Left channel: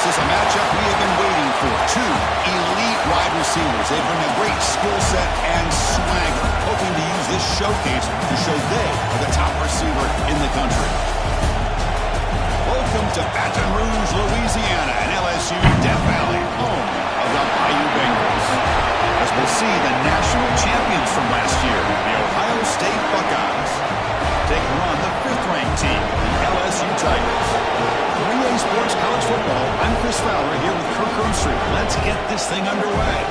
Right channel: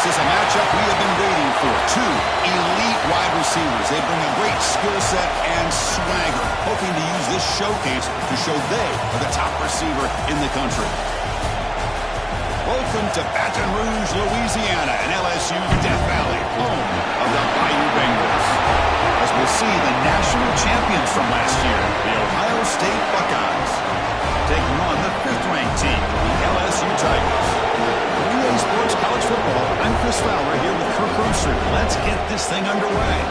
This is a matchup we have been waiting for. Two elite wide receivers. They bring a great skill set and swagger, hoping to use this showcase to show they are the top receiver in the country. Welcome to Baton Rouge, Louisiana, and LSU Death Valley, home of the Bayou Bengals. As we'll see the national champions from last year, the Ohio State Buckeyes, taking on the 5th-ranked team, the LSU Tigers. 3A Sports College Football, I'm Chris Fowler here with Kirk Roomstreet. Let's get this thing underway.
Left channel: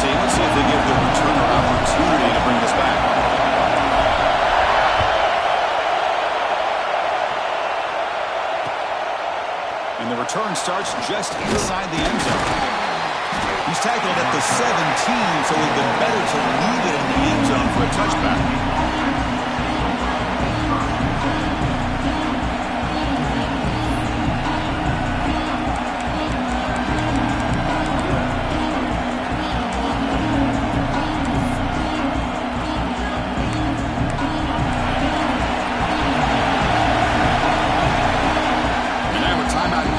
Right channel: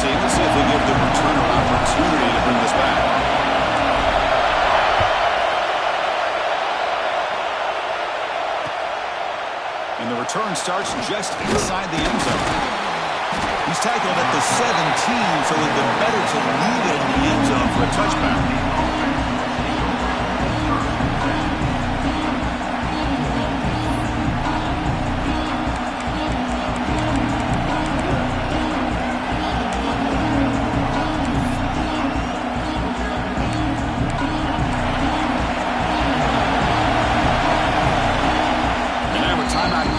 Team. Let's see if they give the returner an opportunity to bring this back. And the return starts just inside the end zone. He's tackled at the 17, so it would have been better to leave it in the end zone for a touchback.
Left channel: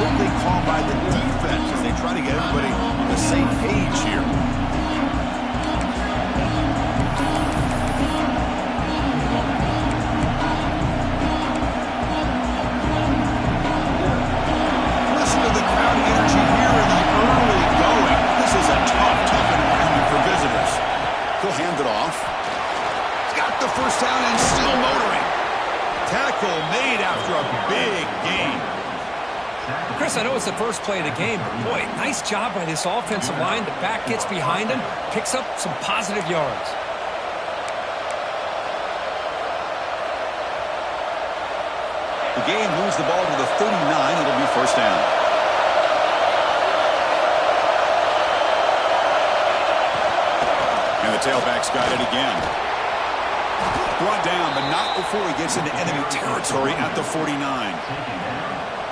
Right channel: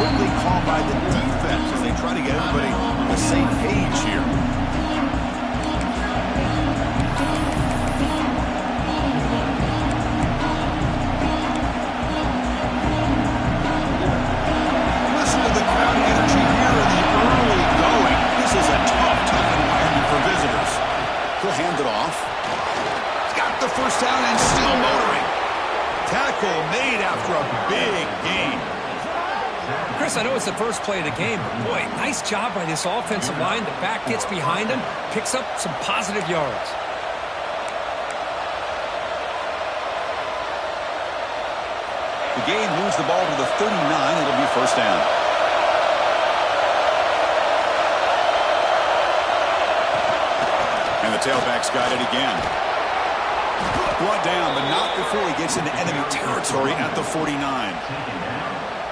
Quickly called by the defense as they try to get everybody on the same page here. Listen to the crowd energy here in the early going. This is a tough environment for visitors. He'll hand it off. He's got the first down and still motoring. Tackle made after a big gain. Chris, I know it's the first play of the game, but boy, nice job by this offensive line. The back gets behind him, picks up some positive yards. The game moves the ball to the 39. It'll be first down. And the tailback's got it again. Brought down, but not before he gets into enemy territory at the 49.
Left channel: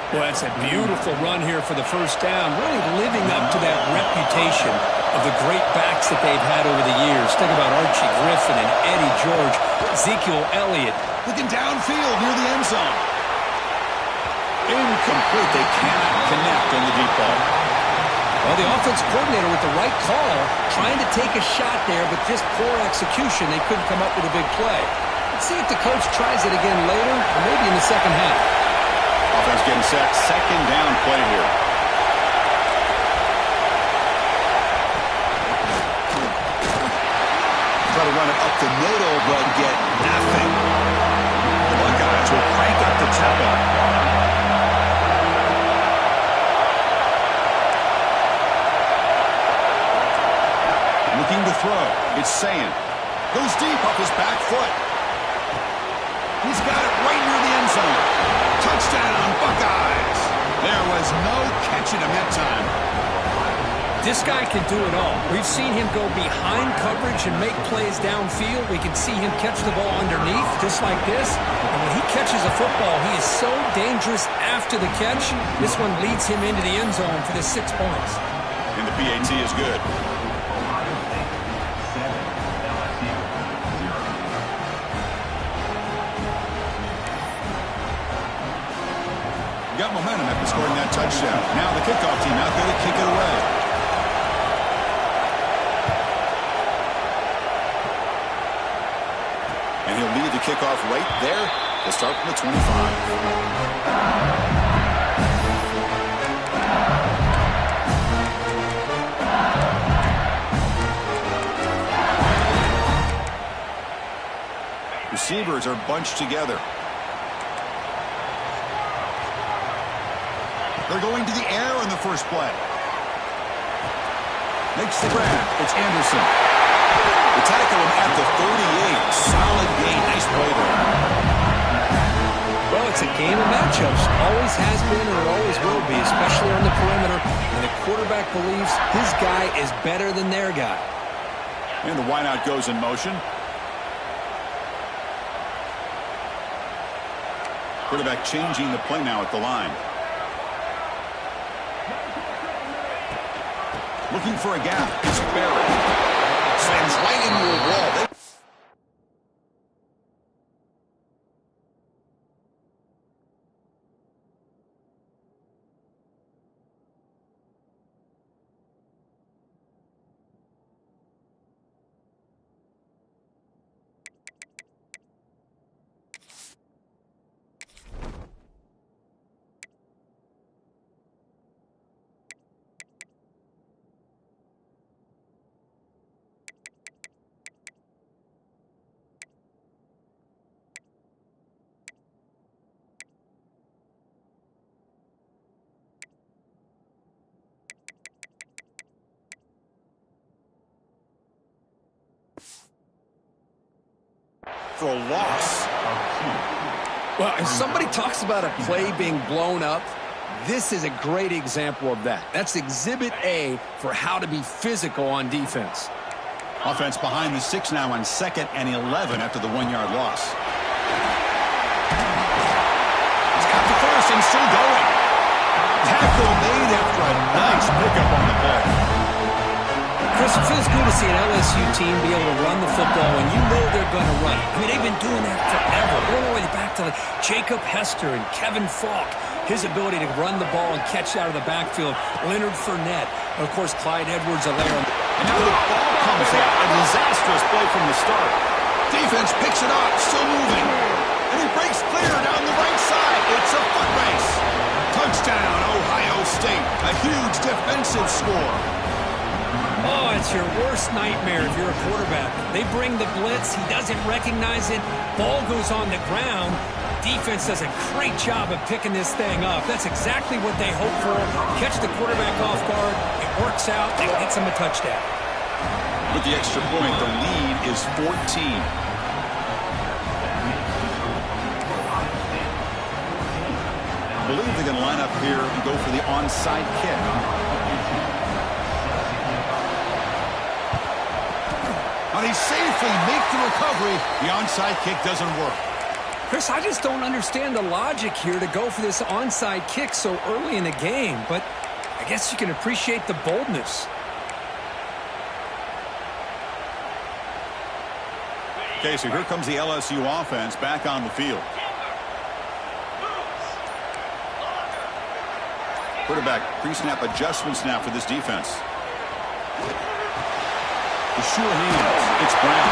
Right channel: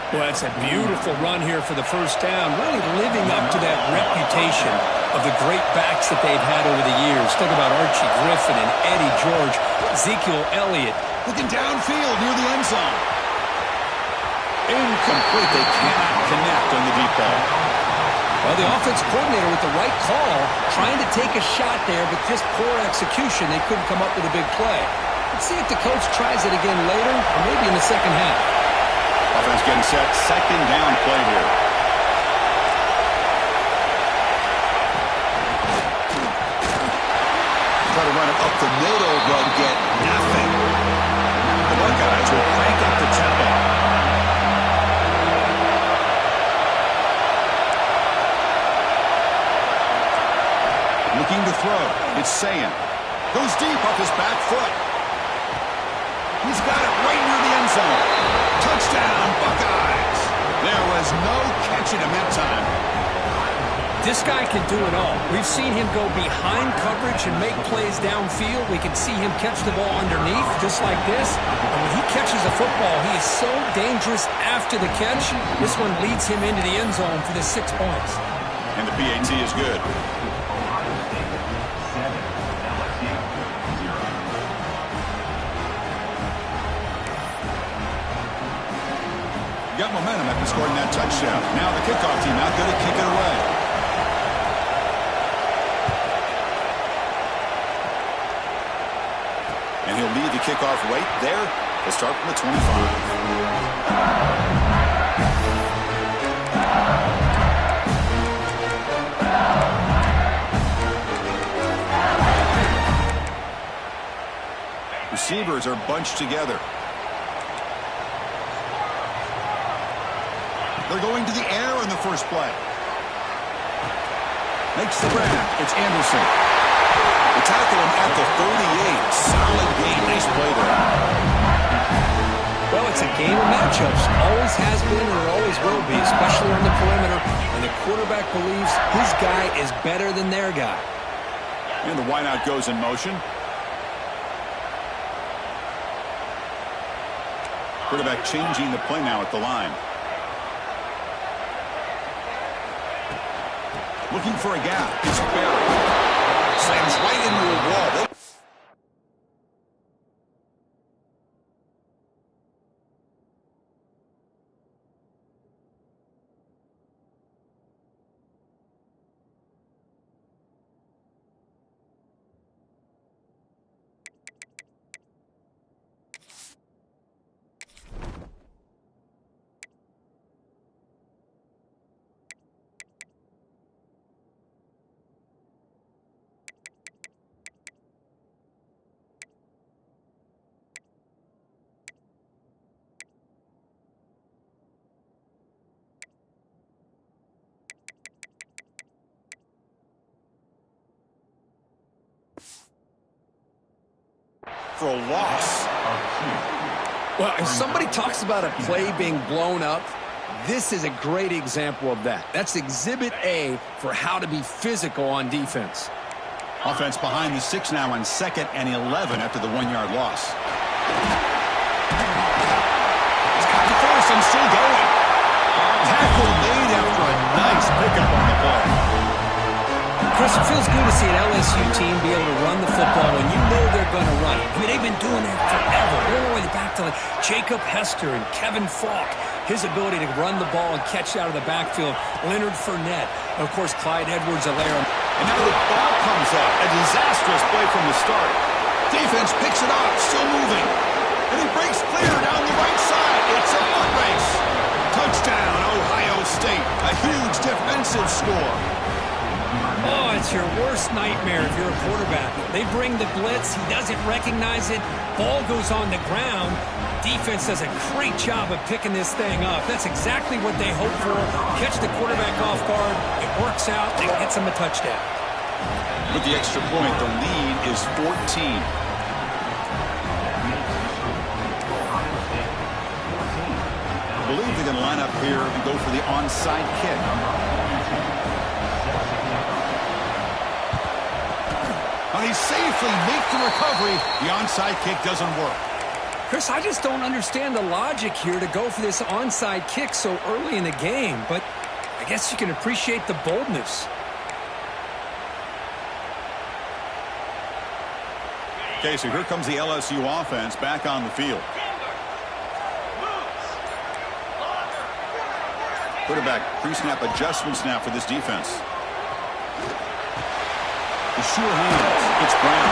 Well, it's a beautiful run here for the first down, really living up to that reputation of the great backs that they've had over the years. Think about Archie Griffin and Eddie George, Ezekiel Elliott. Looking downfield near the end zone. Incomplete. They cannot connect on the deep ball. Well, the offense coordinator with the right call, trying to take a shot there, but just poor execution. They couldn't come up with a big play. Let's see if the coach tries it again later, or maybe in the second half. Offense getting set. Second down play here. Try to run it up the middle, but get nothing. The Buckeyes will crank up the tempo. Looking to throw. It's Sayin. Goes deep off his back foot. He's got it right near the end zone. Touchdown, Buckeyes. There was no catching him that time. This guy can do it all. We've seen him go behind coverage and make plays downfield. We can see him catch the ball underneath, just like this. And when he catches a football, he is so dangerous after the catch. This one leads him into the end zone for the 6 points. And the PAT is good. Got momentum after scoring that touchdown. Now the kickoff team out there to kick it away. And he'll lead the kickoff right there to start from the 25. Receivers are bunched together. They're going to the air in the first play. Makes the grab. It's Anderson. They tackle him at the 38. Solid gain. Nice play there. Well, it's a game of matchups. Always has been and it always will be, especially on the perimeter. And the quarterback believes his guy is better than their guy. And the wideout goes in motion. Quarterback changing the play now at the line. Looking for a gap. It's buried. Slams right into a wall. For a loss. Well, if somebody talks about a play being blown up, this is a great example of that. That's exhibit A for how to be physical on defense. Offense behind the 6 now on 2nd and 11 after the 1-yard loss. He's got the first and still going. Tackle made after a nice pickup on the play. Chris, it feels good to see an LSU team be able to run the football when you know they're going to run it. I mean, they've been doing that forever. Going all the way back to Jacob Hester and Kevin Falk. His ability to run the ball and catch out of the backfield. Leonard Fournette. And, of course, Clyde Edwards-Helaire. And now the ball comes out. A disastrous play from the start. Defense picks it up, still moving. And he breaks clear down the right side. It's a foot race. Touchdown, Ohio State. A huge defensive score. Oh, it's your worst nightmare if you're a quarterback. They bring the blitz. He doesn't recognize it. Ball goes on the ground. Defense does a great job of picking this thing up. That's exactly what they hope for. Catch the quarterback off guard. It works out. It gets him a touchdown. With the extra point, the lead is 14. I believe they're going to line up here and go for the onside kick. Now they safely make the recovery. The onside kick doesn't work. Chris, I just don't understand the logic here to go for this onside kick so early in the game, but I guess you can appreciate the boldness. Okay, so here comes the LSU offense back on the field. Quarterback pre-snap adjustments now for this defense. The sure hands. It's Brown.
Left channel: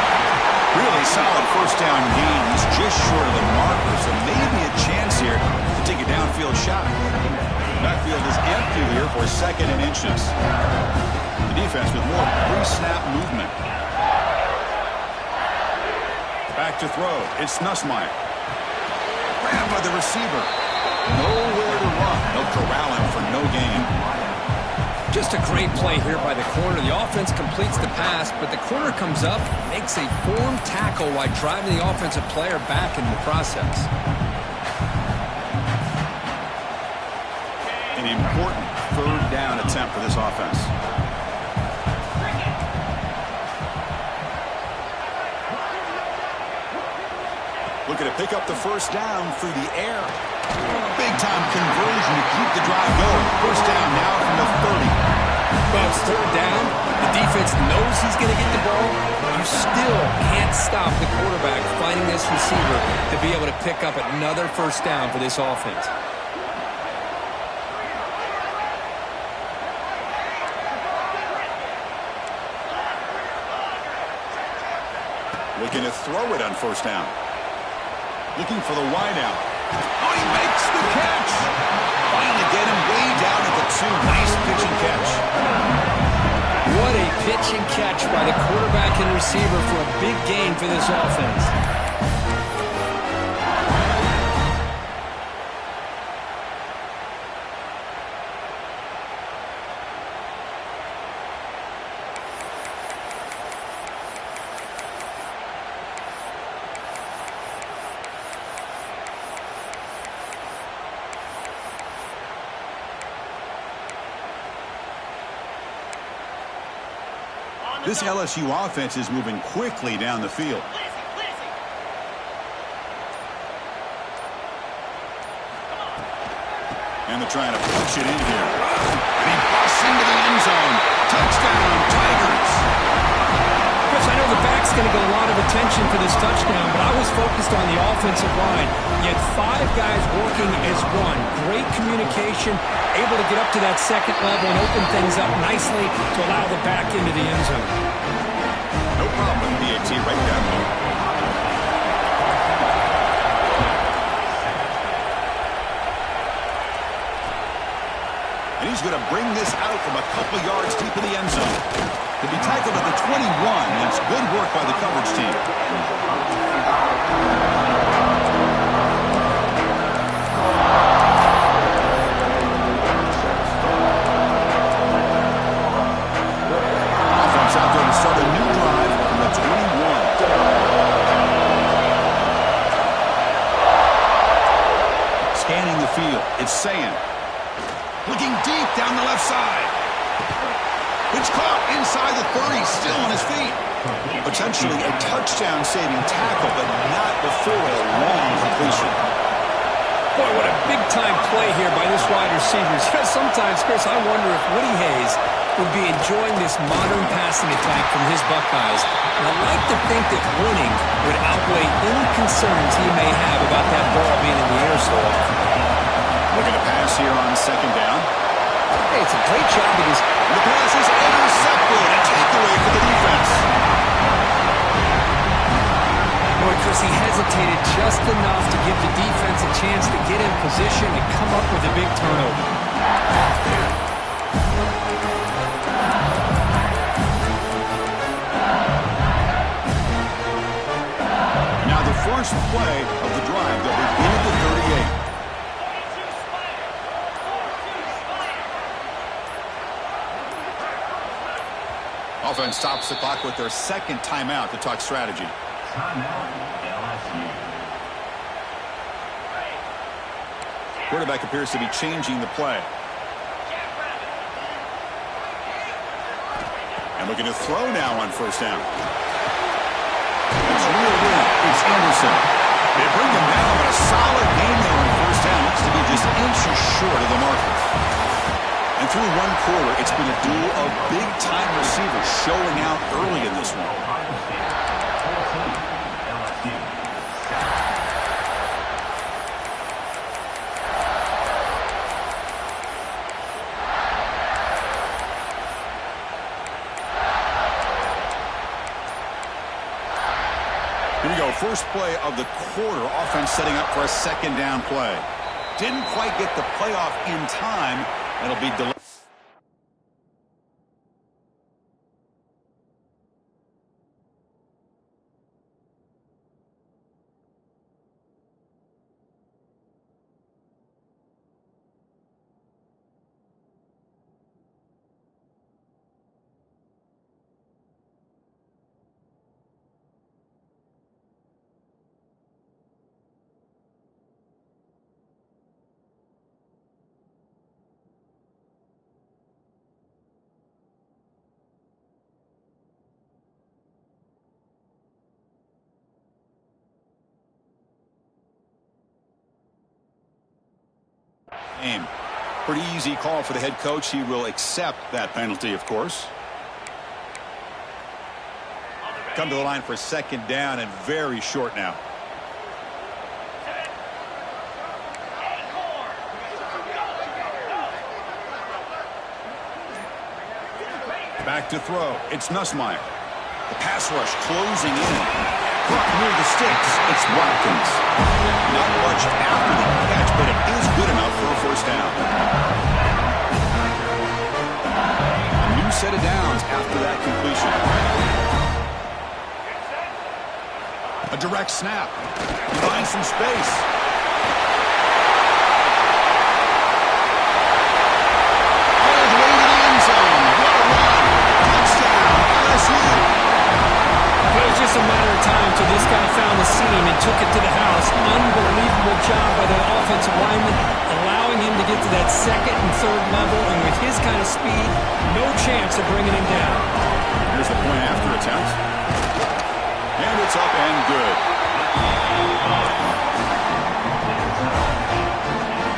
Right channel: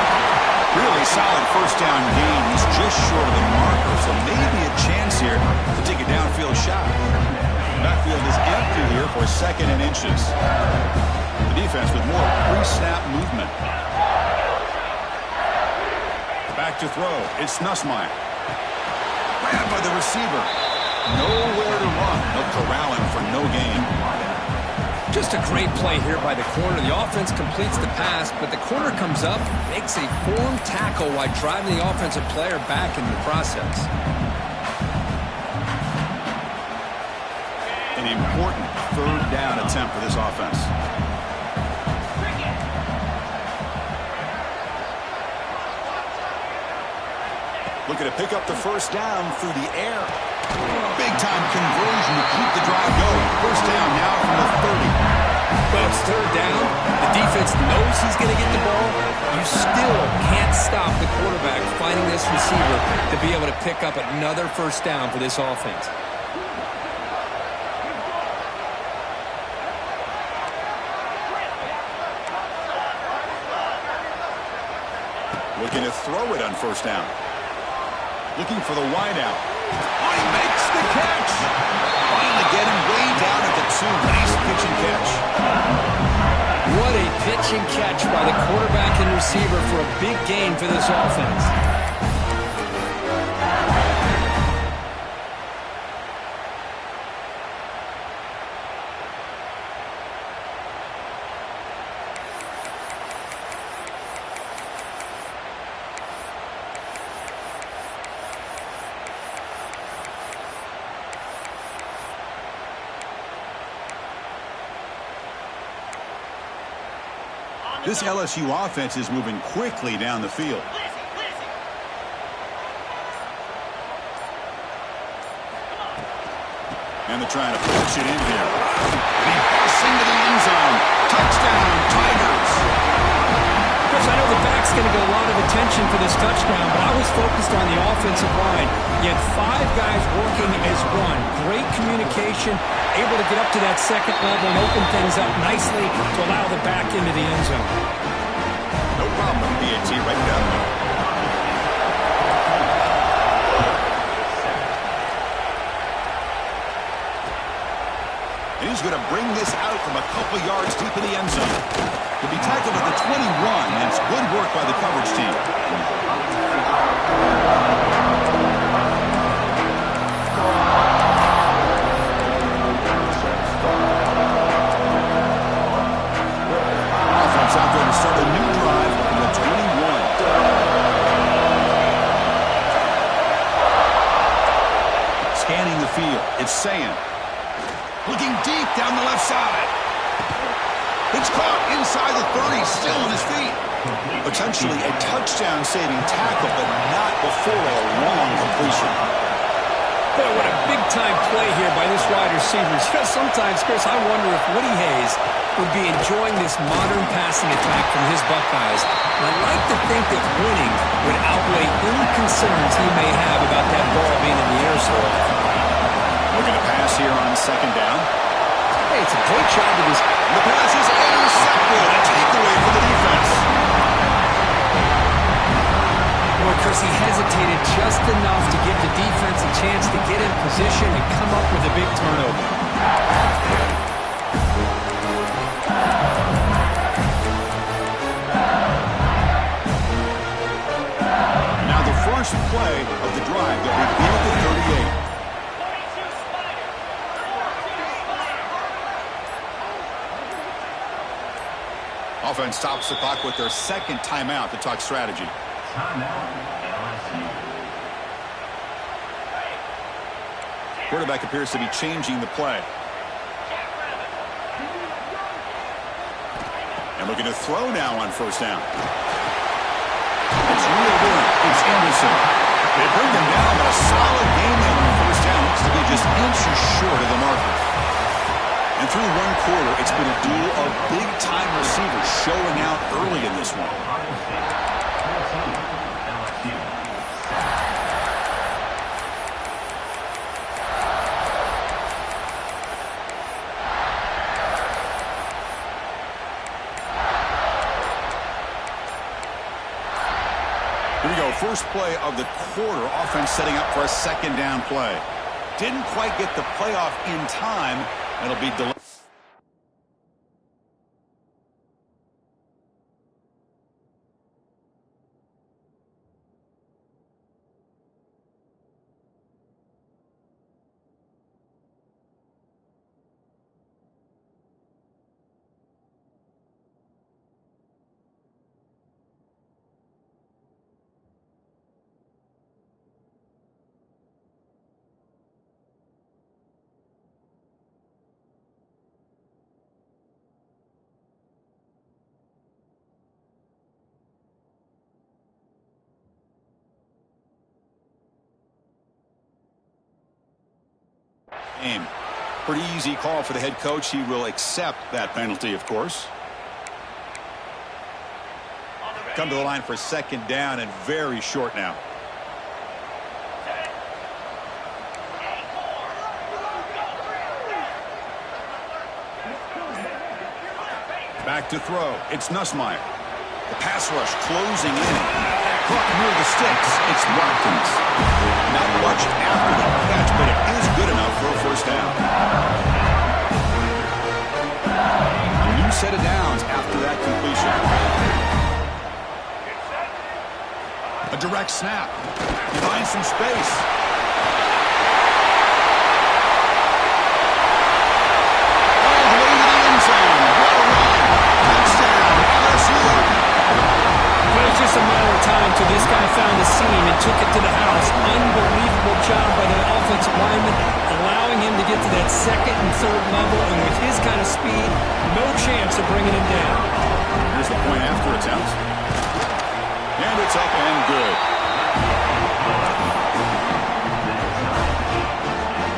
Really solid first down gain. He's just short of the marker, so maybe a chance here to take a downfield shot. Backfield is empty here for 2nd and inches. The defense with more pre-snap movement. Back to throw. It's Nussmeier. Grabbed by the receiver. Nowhere to run. They'll corral him for no gain. Just a great play here by the corner. The offense completes the pass, but the corner comes up, makes a form tackle while driving the offensive player back in the process. An important 3rd down attempt for this offense. Looking to pick up the first down through the air. Big-time conversion to keep the drive going. First down now from the 30. Well, it's 3rd down. The defense knows he's going to get the ball. You still can't stop the quarterback finding this receiver to be able to pick up another first down for this offense. Looking to throw it on first down. Looking for the wideout. Oh, he makes the catch. Finally get him way down at the 2. Nice pitch and catch. What a pitch and catch by the quarterback and receiver for a big gain for this offense. This LSU offense is moving quickly down the field. And they're trying to push it in here. And he busts into the end zone. Touchdown, Tigers. Chris, I know the back's going to get a lot of attention for this touchdown, but I was focused on the offensive line. You had 5 guys working as one. Great communication, able to get up to that second level and open things up nicely to allow the back into the end zone. No problem, PAT, right down the middle. And he's going to bring this out from a couple yards deep in the end zone. To be tackled at the 21, and it's good work by the coverage team. Offense out there to start a new drive from the 21. Scanning the field, it's Sayan. Looking deep down the left side. It's caught inside the 30, still on his feet. Potentially a touchdown-saving tackle, but not before a long completion. Boy, what a big-time play here by this wide receiver. Sometimes, Chris, I wonder if Woody Hayes would be enjoying this modern passing attack from his Buckeyes. And I'd like to think that winning would outweigh any concerns he may have about that ball being in the air so often. Looking to pass here on second down. Hey, it's a great job of this. The pass is intercepted. A takeaway for the defense. Boy, Chris, he hesitated just enough to give the defense a chance to get in position and come up with a big turnover. And now the first play of the drive. They'll begin at the 38. Offense stops the clock with their second timeout to talk strategy. Timeout, LSU. Quarterback appears to be changing the play. And looking to throw now on first down. It's reeled in. It's Anderson. They bring him down, but a solid game there on first down. Looks to be just inches short of the marker. And through one quarter, it's been a duel of big-time receivers showing out early in this one. Ohio State, 14, LSU. Here we go, first play of the quarter. Offense setting up for a second down play. Didn't quite get the playoff in time. It'll be delayed. Pretty easy call for the head coach. He will accept that penalty, of course. Come to the line for second down and very short now. Back to throw. It's Nussmeier. The pass rush closing in. Caught near the sticks. It's Watkins. Not much after the catch, but it is good enough for a first down. A new set of downs after that completion. A direct snap. He finds some space. All the way to the end zone. What a run. Touchdown, LSU. But it was just a matter of time until this guy found the seam and took it to the house. Unbelievable job by the offensive lineman, allowing him to get to that second and third level. And with his kind of speed, no chance of bringing him down. Here's the point after attempt. And it's up and good.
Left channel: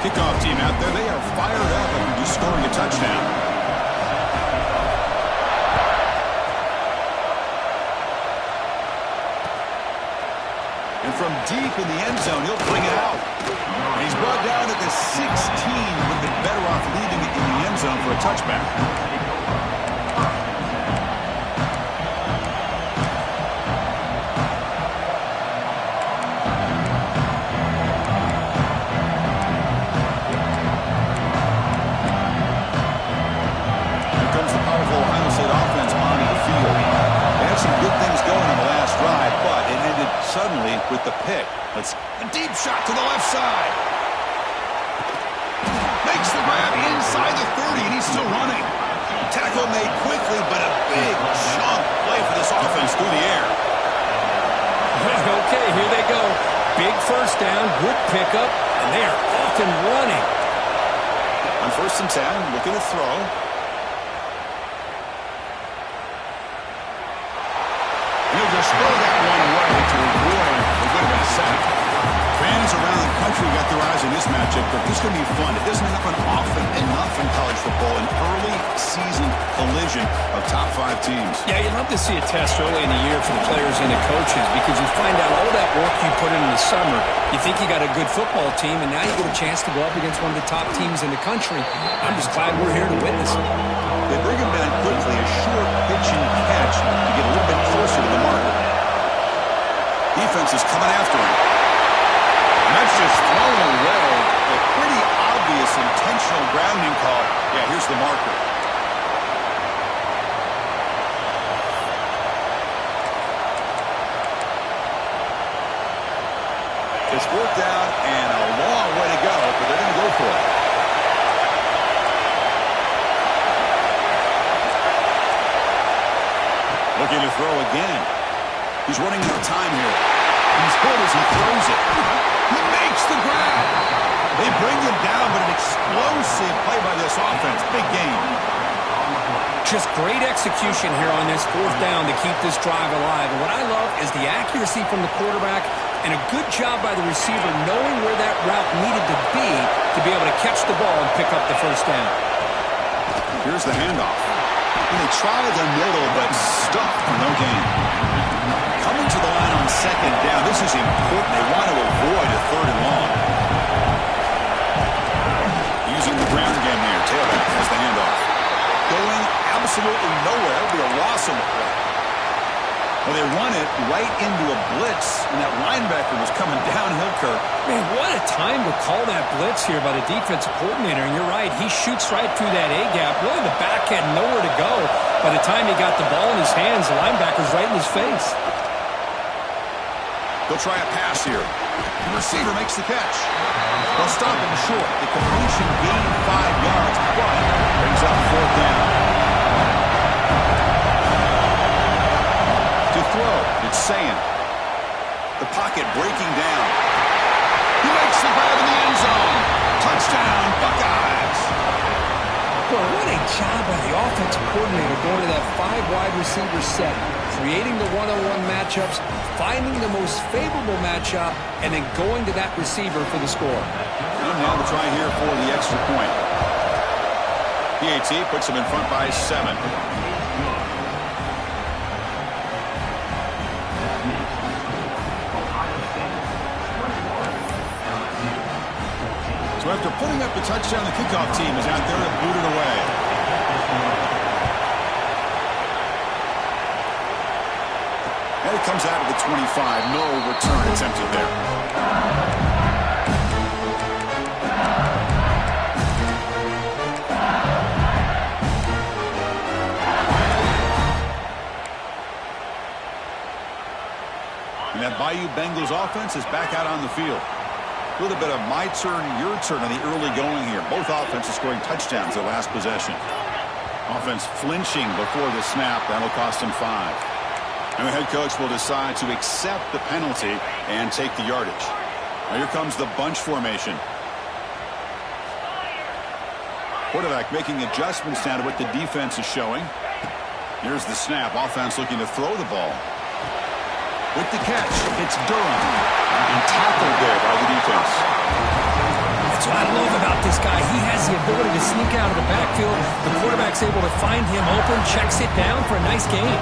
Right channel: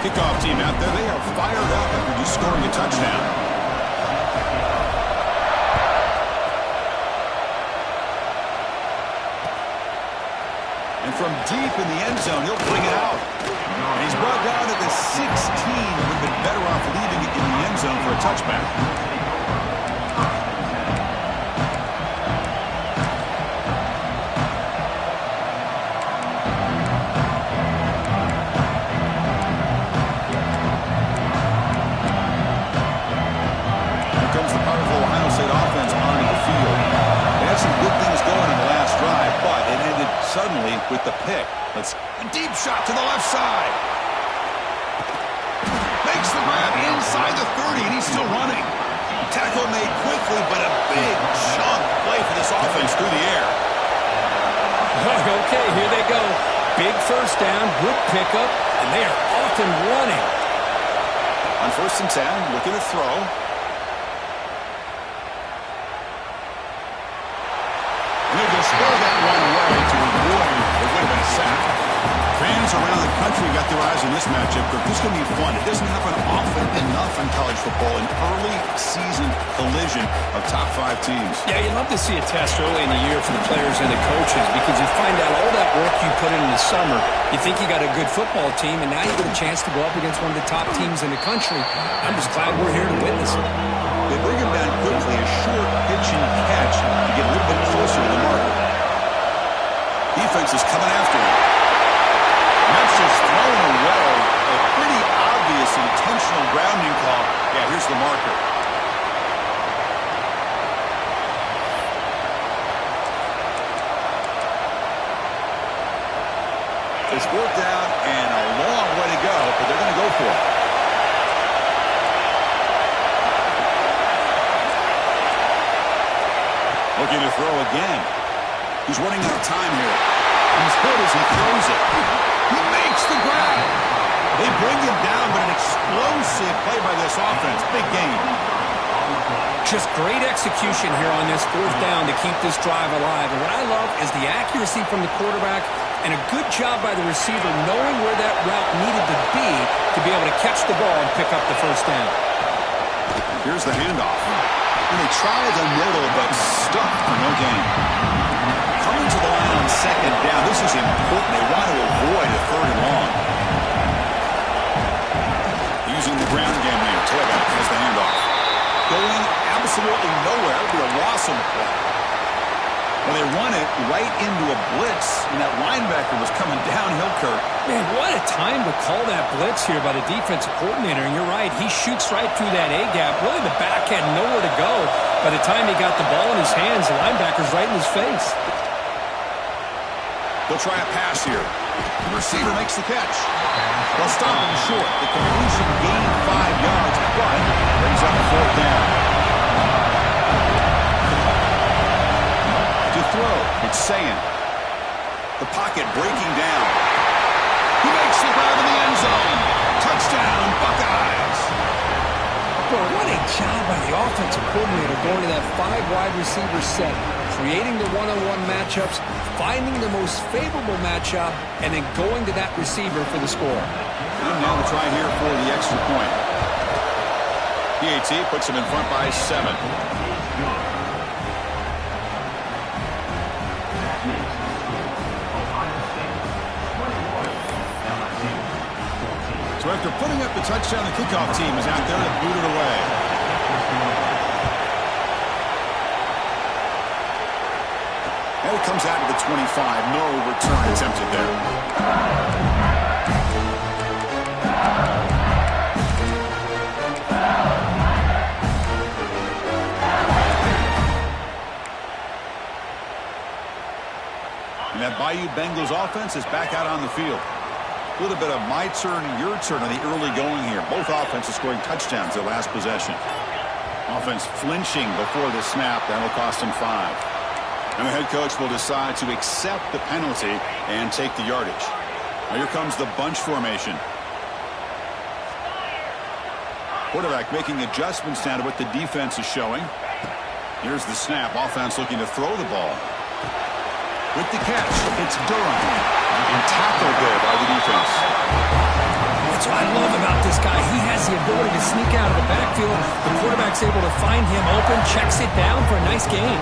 kickoff team out there, they are fired up after just scoring a touchdown. And from deep in the end zone, he'll bring it out. And he's brought down at the 16. Would have been better off leaving it in the end zone for a touchback. Here comes the powerful Ohio State offense onto the field. They had some good things going on the last drive, but it ended suddenly with the pick. A deep shot to the left side. Makes the grab inside the 30, and he's still running. Tackle made quickly, but a big chunk play for this offense through the air. Okay, here they go. Big first down, good pickup, and they are off and running. On 1st and 10, looking to throw. And he'll just throw that one away to avoid what would have been a sack. Fans around the country got their eyes on this matchup. This is going to be fun. It doesn't happen often enough in college football, an early season collision of top 5 teams. Yeah, you'd love to see a test early in the year for the players and the coaches because you find out all that work you put in the summer. You think you got a good football team, and now you get a chance to go up against one of the top teams in the country. I'm just glad we're here to witness it. They bring him down quickly, a short pitch and catch to get a little bit closer to the marker. Defense is coming after him. And that's just thrown away. A pretty obvious intentional grounding call. Yeah, here's the marker. It's worked out and a long way to go, but they're going to go for it. Looking to throw again. He's running out of time here. He's hit as he throws it. He makes the grab. They bring him down, but an explosive play by this offense. Big game. Just great execution here on this 4th down to keep this drive alive. And what I love is the accuracy from the quarterback and a good job by the receiver knowing where that route needed to be able to catch the ball and pick up the 1st down. Here's the handoff. And they try the middle, but stuck for no gain. Coming to the line on 2nd down. This is important. They want to avoid a 3rd and long. Using the ground game here. Tailback has the handoff. Going absolutely nowhere. It'll be a loss on the play. Well, they run it right into a blitz, and that linebacker was coming downhill, Kirk. Man, what a time to call that blitz here by the defensive coordinator. And you're right, he shoots right through that A-gap. Really, the back had nowhere to go. By the time he got the ball in his hands, the linebacker's right in his face. They'll try a pass here. The receiver makes the catch. They'll stop him short. The completion gained 5 yards, but brings up 4th down. To throw, it's saying. The pocket breaking down. He makes the grab in the end zone. Touchdown, Buckeyes. Well, what a job by the offensive coordinator going to that 5 wide receiver set, creating the one-on-one matchups, finding the most favorable matchup, and then going to that receiver for the score. And now the try here for the extra point. PAT puts him in front by 7. So after putting up the touchdown, the kickoff team is out there to boot it away. And it comes out of the 25. No return attempted there. And that Bayou Bengals offense is back out on the field. A little bit of my turn, your turn on the early going here. Both offenses scoring touchdowns their last possession. Offense flinching before the snap. That'll cost him 5. And the head coach will decide to accept the penalty and take the yardage. Now here comes the bunch formation. Quarterback making adjustments now to what the defense is showing. Here's the snap. Offense looking to throw the ball. With the catch, it's Durham. And tackled there by the defense. That's what I love about this guy. He has the ability to sneak out of the backfield. The quarterback's able to find him open, checks it down for a nice gain.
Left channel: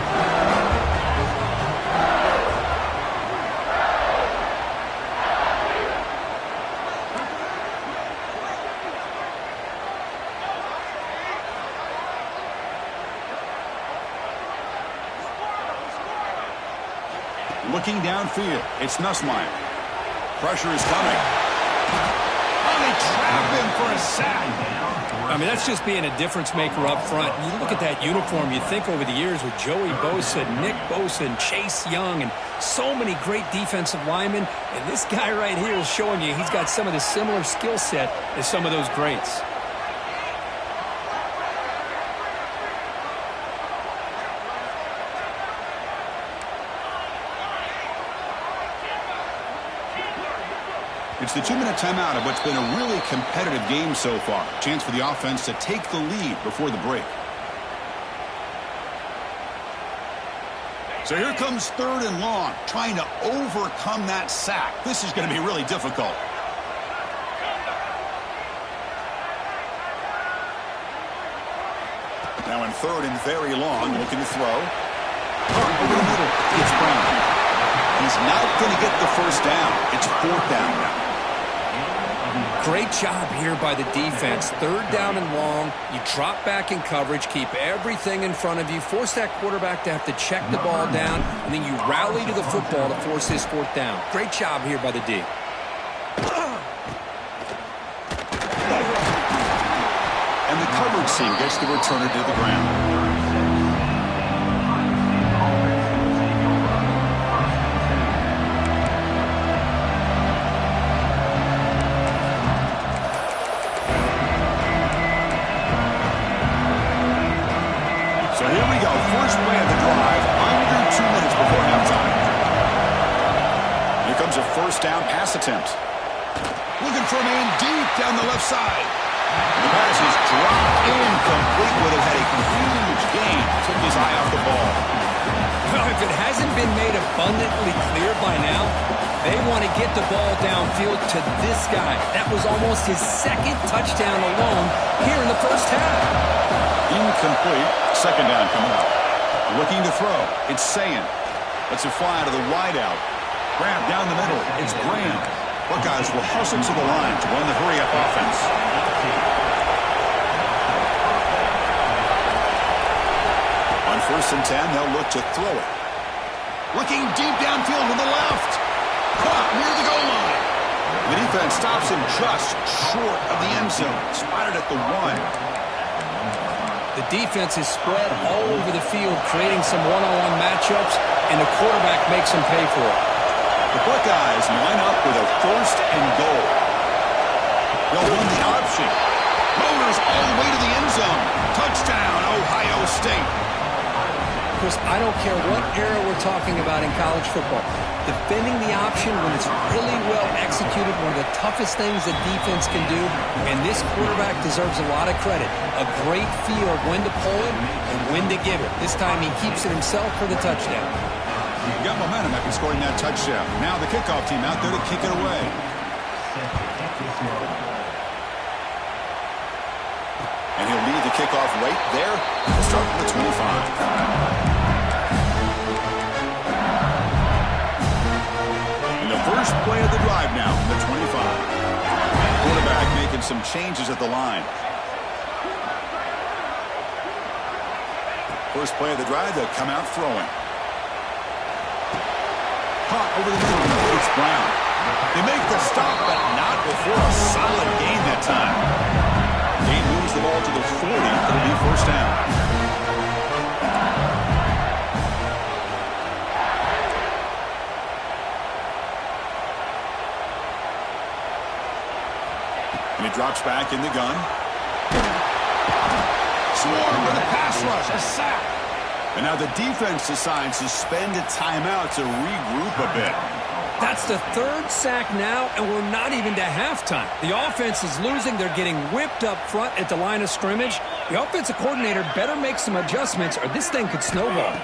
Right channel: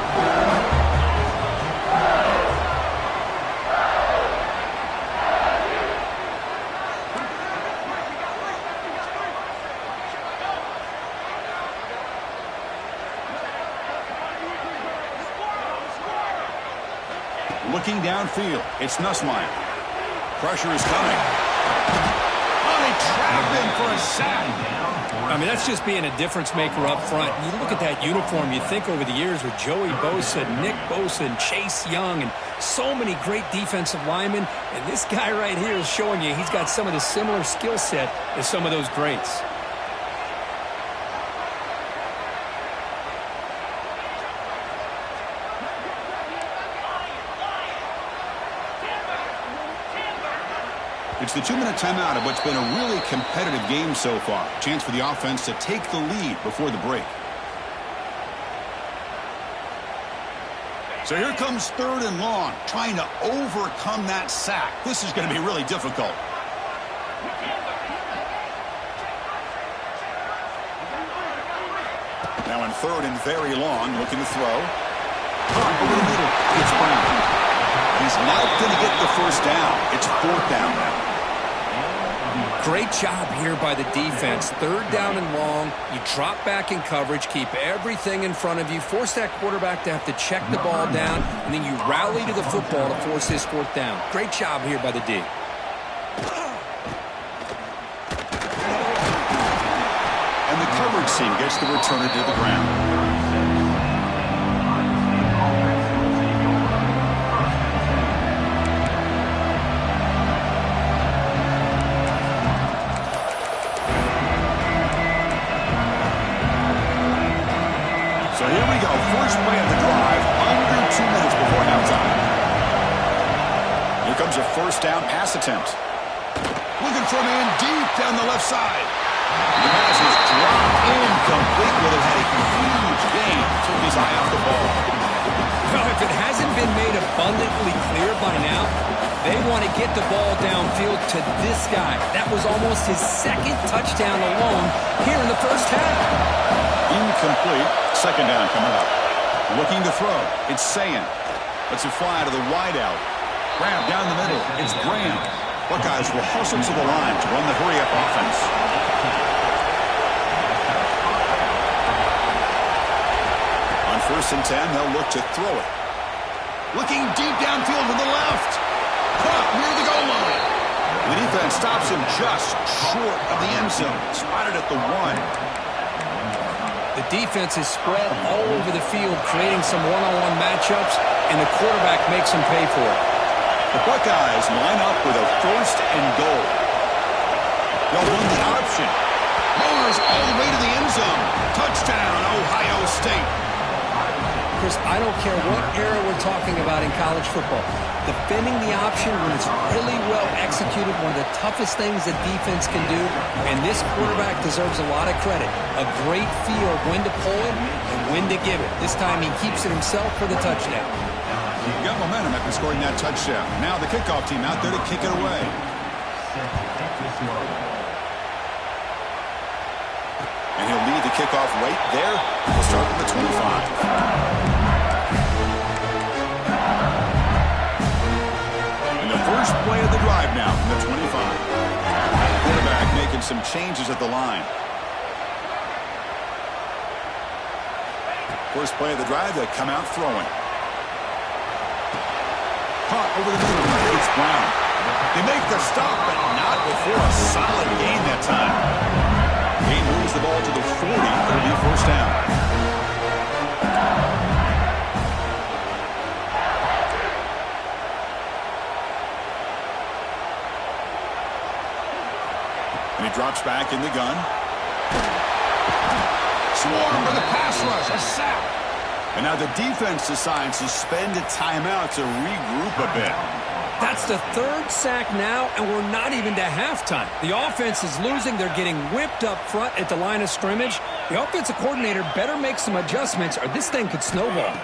Looking downfield, it's Nussmeier. Pressure is coming. Oh, they trap him for a sack. I mean, that's just being a difference maker up front. You look at that uniform, you think over the years with Joey Bosa, Nick Bosa, and Chase Young, and so many great defensive linemen. And this guy right here is showing you he's got some of the similar skill set as some of those greats. It's the 2-minute timeout of what's been a really competitive game so far. Chance for the offense to take the lead before the break. So here comes 3rd and long, trying to overcome that sack. This is going to be really difficult. Now in 3rd and very long, looking to throw. Caught over the middle. It's Brown. He's not going to get the first down. It's 4th down now. Great job here by the defense. 3rd down and long. You drop back in coverage, keep everything in front of you, force that quarterback to have to check the ball down, and then you rally to the football to force his 4th down. Great job here by the D. And the coverage team gets the returner to the ground. So here we go, first play of the drive, under 2 minutes before halftime. Here comes a 1st down pass attempt. Looking for a man deep down the left side. The pass is dropped incomplete with it. Had a huge gain. Took his eye off the ball. Well, if it hasn't been made abundantly clear by now, they want to get the ball downfield to this guy. That was almost his 2nd touchdown alone here in the first half. Incomplete. 2nd down coming up. Looking to throw. It's Sayan. Lets it fly to the wideout. Grab down the middle. It's Graham. Buckeyes will hustle to the line to run the hurry-up offense. On 1st and 10, they'll look to throw it. Looking deep downfield to the left. Caught near the goal line. The defense stops him just short of the end zone. Spotted at the 1. The defense is spread all over the field, creating some one-on-one matchups, and the quarterback makes them pay for it. The Buckeyes line up with a 1st and goal. They'll run the option. Motors all the way to the end zone. Touchdown, Ohio State. Chris, I don't care what era we're talking about in college football. Defending the option when it's really well executed, one of the toughest things the defense can do, and this quarterback deserves a lot of credit. A great feel of when to pull it and when to give it. This time he keeps it himself for the touchdown. He got momentum after scoring that touchdown. Now the kickoff team out there to kick it away. And he'll lead the kickoff right there. He'll start from the 25. And the first play of the drive now from the 25. Quarterback making some changes at the line. First play of the drive, they'll come out throwing. Caught over the middle. It's Brown. They make the stop, but not before a solid gain that time. Gain moves the ball to the 40. It'll be 1st down. And he drops back in the gun. Swarm with a pass rush. A sack. And now the defense decides to spend a timeout to regroup a bit. That's the 3rd sack now, and we're not even to halftime. The offense is losing. They're getting whipped up front at the line of scrimmage. The offensive coordinator better make some adjustments, or this thing could snowball.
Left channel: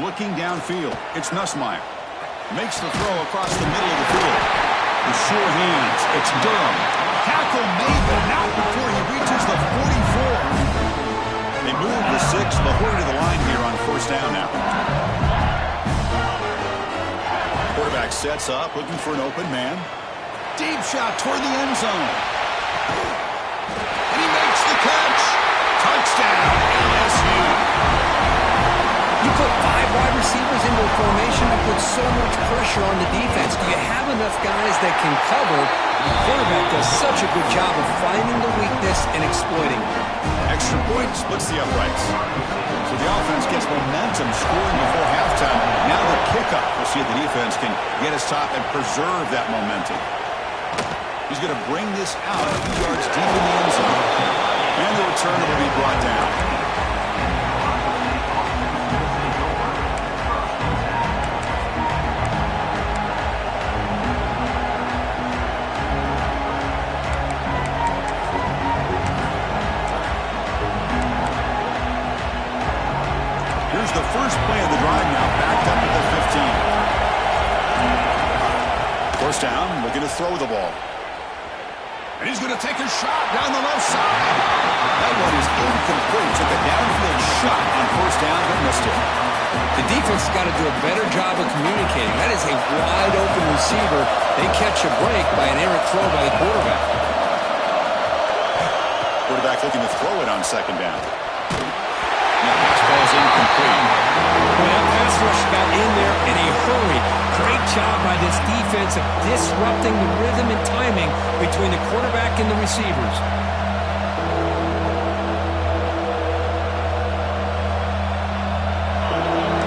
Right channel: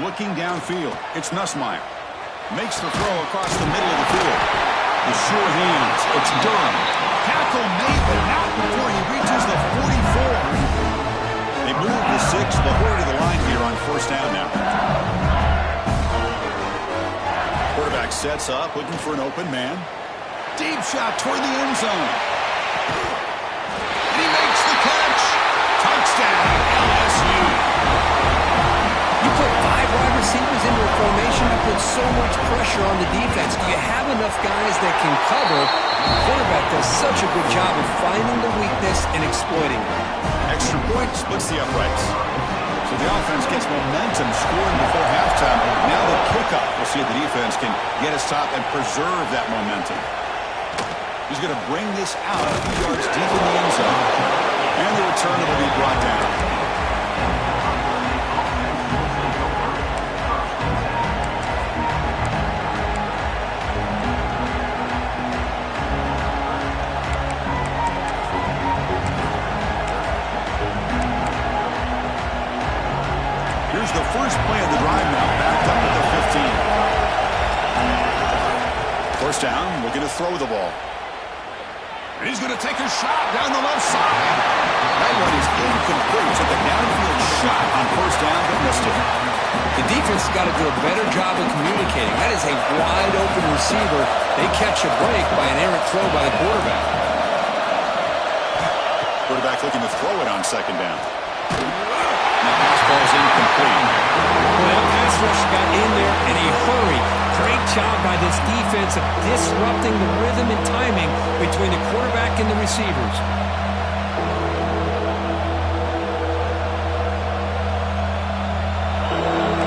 Looking downfield, it's Nussmeier. Makes the throw across the middle of the field. The sure hands, it's Durham. Tackle made, but not before he reaches the 44. They move the 6. They'll hurry to the line here on first down now. Quarterback sets up, looking for an open man. Deep shot toward the end zone. And he makes the catch. Touchdown, LSU. You put 5 wide receivers into a formation, you put so much pressure on the defense. Do you have enough guys that can cover? The quarterback does such a good job of finding the weakness and exploiting it. Extra point splits the uprights. So the offense gets momentum scoring before halftime. Now the kickoff. We'll see if the defense can get a stop and preserve that momentum. He's going to bring this out a few yards deep in the end zone. And the return will be brought down. Here's the first play of the drive now, backed up at the 15. First down, looking to throw the ball. And he's going to take a shot down the left side. That one is incomplete. Took a downfield shot on first down, but missed it. The defense has got to do a better job of communicating. That is a wide-open receiver. They catch a break by an errant throw by the quarterback. Quarterback looking to throw it on second down. That pass ball is incomplete. Well, that pass rush got in there in a hurry. Great job by this defense of disrupting the rhythm and timing between the quarterback and the receivers.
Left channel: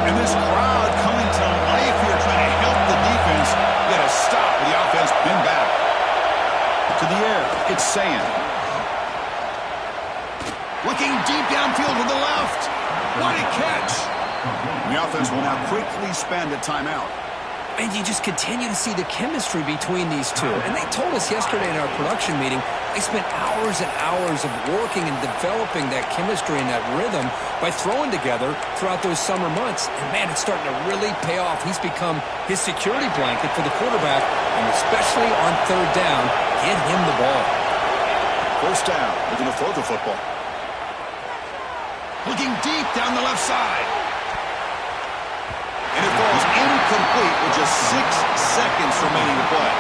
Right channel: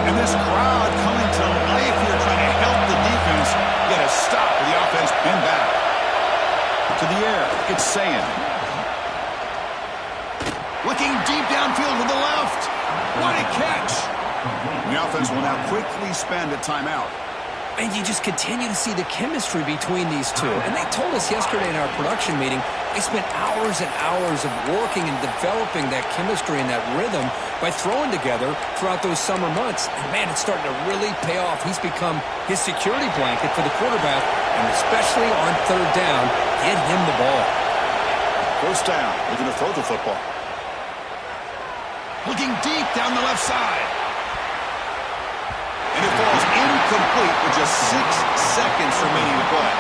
And this crowd coming to life here, trying to help the defense get a stop with the offense pinned back. To the air, it's Sayan. Looking deep downfield to the left. What a catch. The offense will now quickly spend a timeout. And you just continue to see the chemistry between these two. And they told us yesterday in our production meeting, they spent hours and hours of working and developing that chemistry and that rhythm by throwing together throughout those summer months. And, man, it's starting to really pay off. He's become his security blanket for the quarterback, and especially on third down, get him the ball. First down, looking to throw the football. Looking deep down the left side. And it falls incomplete with just 6 seconds remaining to play.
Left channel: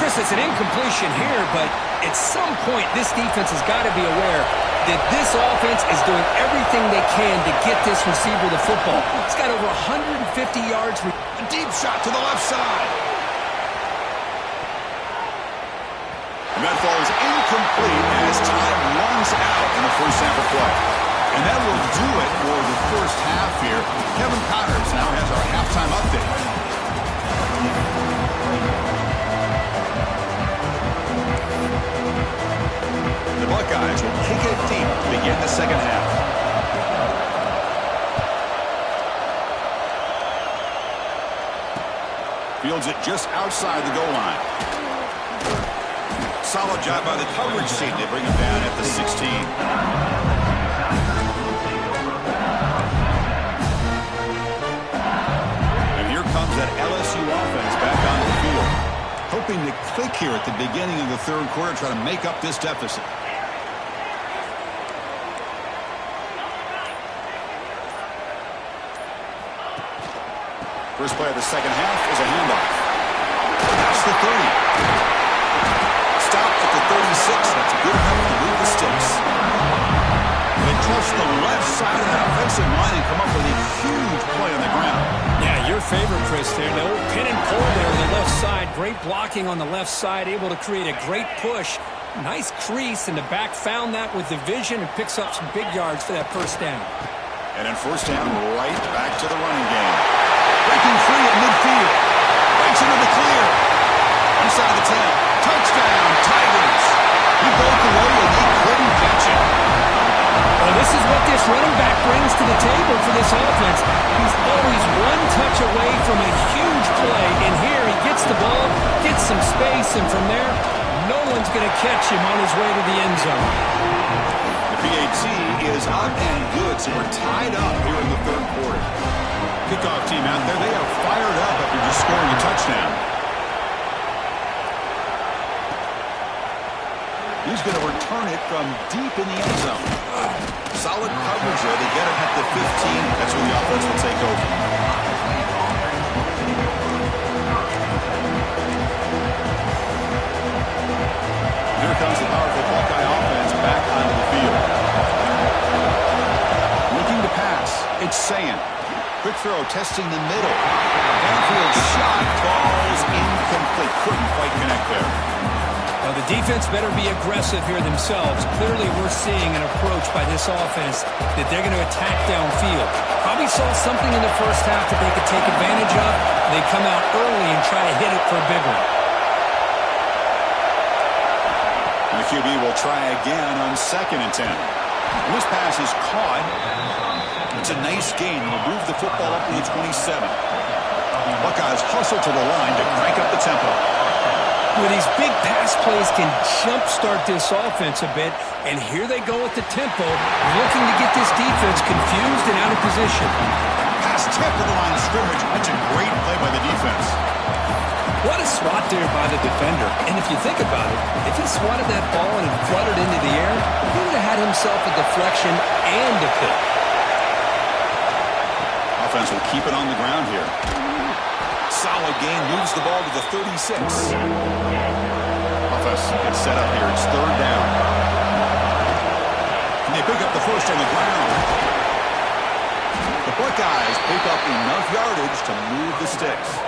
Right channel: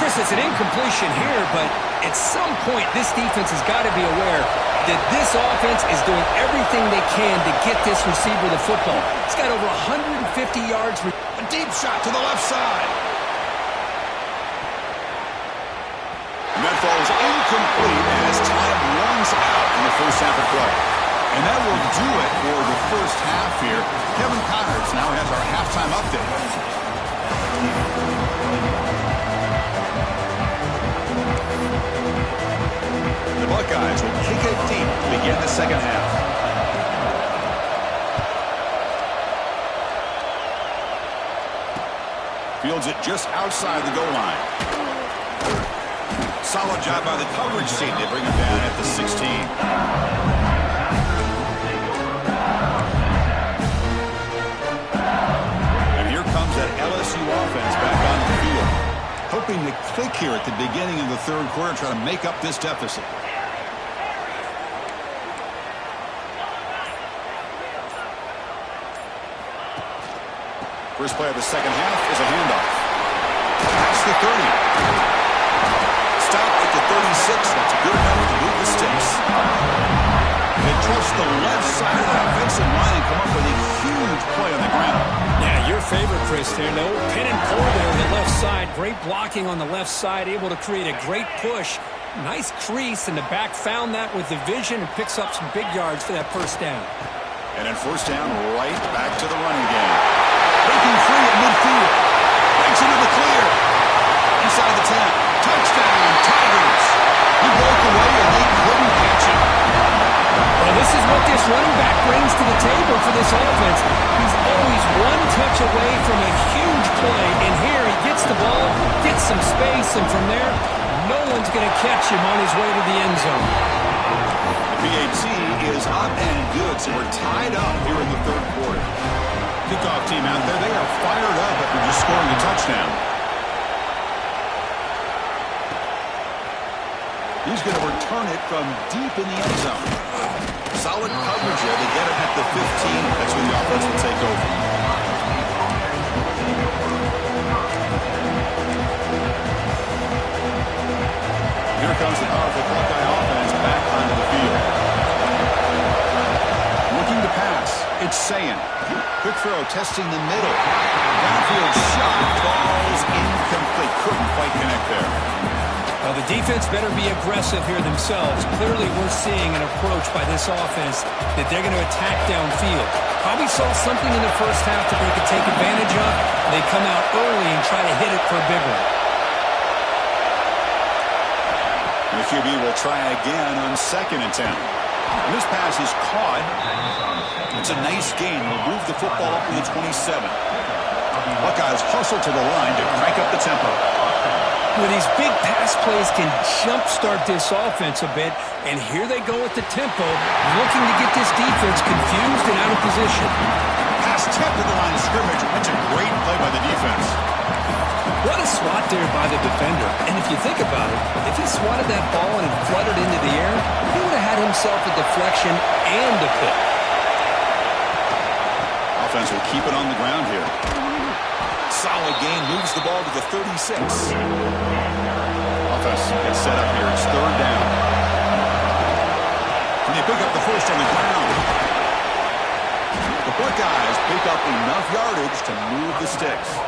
Chris, it's an incompletion here, but at some point this defense has got to be aware that this offense is doing everything they can to get this receiver the football. He's got over 150 yards. A deep shot to the left side. And that falls incomplete as time runs out in the first half of play. And that will do it for the first half here. Kevin Connors now has our halftime update. The Buckeyes will kick it deep to begin the second half. Fields it just outside the goal line. Solid job by the coverage team. They bring him down at the 16. Comes that LSU offense back onto the field, hoping to click here at the beginning of the third quarter, try to make up this deficit. First play of the second half is a handoff. Past the 30. Stop at the 36. That's good enough to move the sticks. They trust the left side of that offensive line and come up with a huge play on the ground. Yeah, your favorite, Chris, there. The old pin and pull there on the left side. Great blocking on the left side, able to create a great push. Nice crease, and the back found that with the vision and picks up some big yards for that first down. And then first down, right back to the running game. Breaking free at midfield. Breaks into the clear. Inside the 10. Touchdown, Tigers. He broke away, and they couldn't catch him. Well, this is what this running back brings to the table for this offense. He's always one touch away from a huge play, and here he gets the ball, gets some space, and from there, no one's going to catch him on his way to the end zone. The PAT is up and good, so we're tied up here in the third quarter. Kickoff team out there, they are fired up after just scoring a touchdown. He's going to return it from deep in the end zone. Solid coverage there. They get him at the 15. That's where the offense will take over. Here comes the powerful Buckeye offense back onto the field. Looking to pass. It's Sayin. Quick throw, testing the middle. Downfield shot, falls incomplete. Couldn't quite connect there. Now, the defense better be aggressive here themselves. Clearly, we're seeing an approach by this offense that they're going to attack downfield. Probably saw something in the first half that they could take advantage of. They come out early and try to hit it for a big one. And the QB will try again on 2nd and 10. And this pass is caught. It's a nice gain. We'll move the football up to the 27. Buckeyes hustle to the line to crank up the tempo. Well, these big pass plays can jumpstart this offense a bit, and here they go with the tempo, looking to get this defense confused and out of position. Pass tipped to the line of scrimmage. That's a great play by the defense. What a swat there by the defender. And if you think about it, if he swatted that ball and it fluttered into the air, he would have had himself a deflection and a pick. Offense will keep it on the ground here. Solid gain, moves the ball to the 36. Offense gets set up here. It's 3rd down. And they pick up the first on the ground. The Buckeyes pick up enough yardage to move the sticks.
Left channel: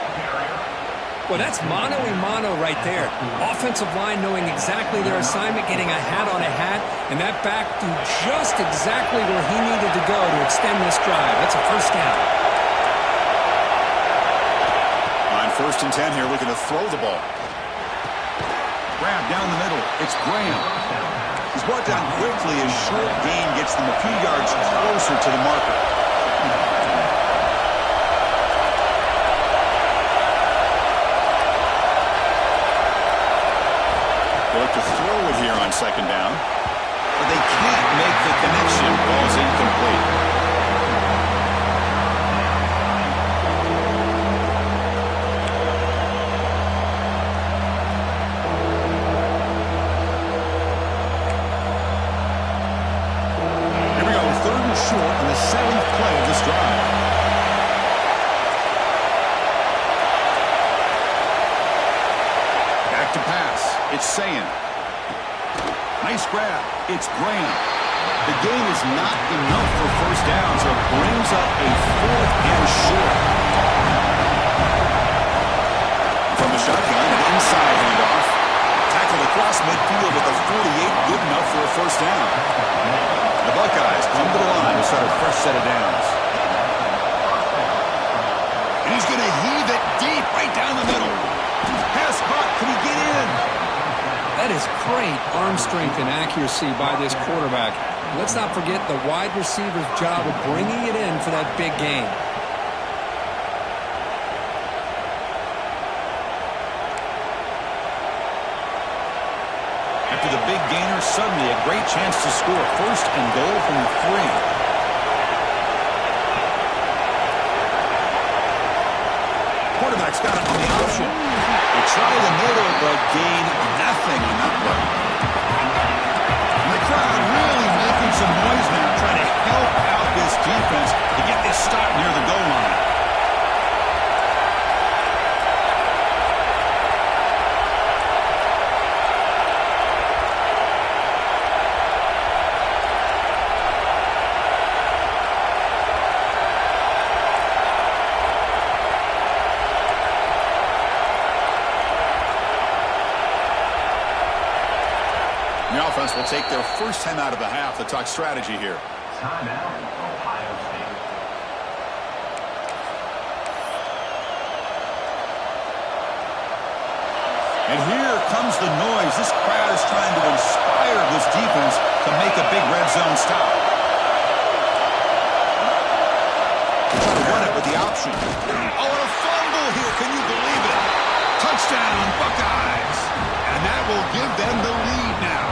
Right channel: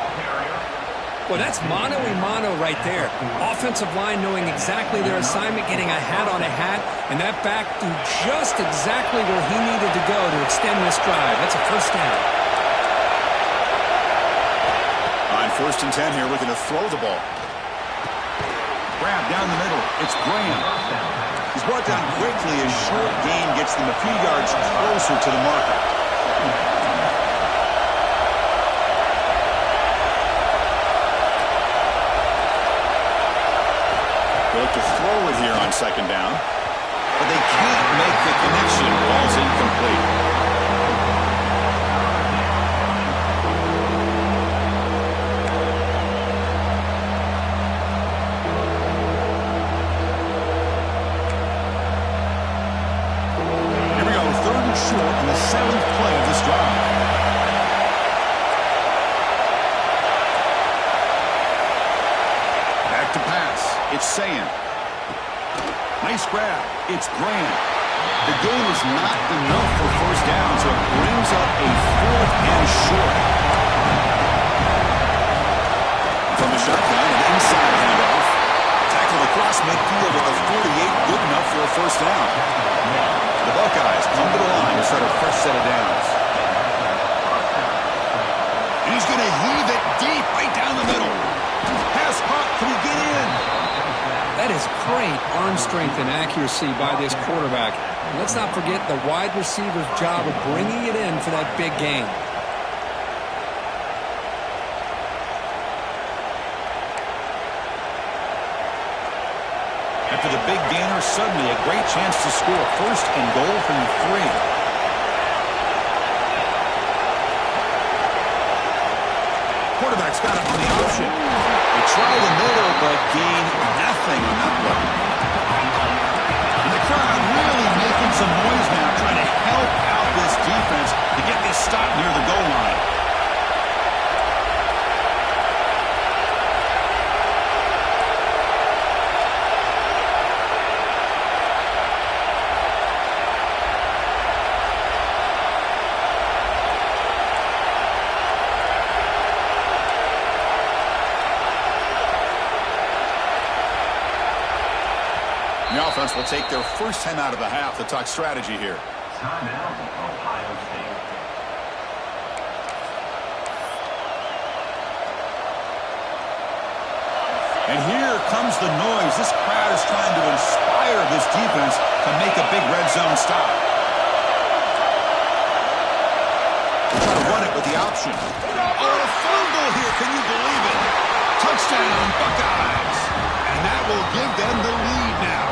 Well, that's mano-a-mano right there. Offensive line knowing exactly their assignment, getting a hat on a hat, and that back threw just exactly where he needed to go to extend this drive. That's a first down. On 1st and 10 here, looking to throw the ball. Grab down the middle. It's Graham. He's brought down quickly as short gain gets them a few yards closer to the marker. They look to throw it here on 2nd down, but they can't make the connection. Ball's incomplete. Short on the 7th play of this drive. Back to pass. It's Sayin. Nice grab. It's Graham. The gain is not enough for first down, so it brings up a 4th and short. From the shotgun, an inside handoff. Tackled across midfield at the 48. Good enough for a first down. The Buckeyes come to the line to start a fresh set of downs. And he's going to heave it deep right down the middle. Pass caught. Can he get in? That is great arm strength and accuracy by this quarterback. Let's not forget the wide receiver's job of bringing it in for that big gain. After the big gainer, suddenly a great chance to score. 1st and goal from the 3. Quarterback's got it on the option. They try the middle, but gain nothing on that play. And the crowd really making some noise now, trying to help out this defense to get this stop near the goal line. The offense will take their first 10 out of the half to talk strategy here. Timeout, Ohio State. And here comes the noise. This crowd is trying to inspire this defense to make a big red zone stop. They try to run it with the option. Oh, a fumble here. Can you believe it? Touchdown, Buckeyes. And that will give them the lead now.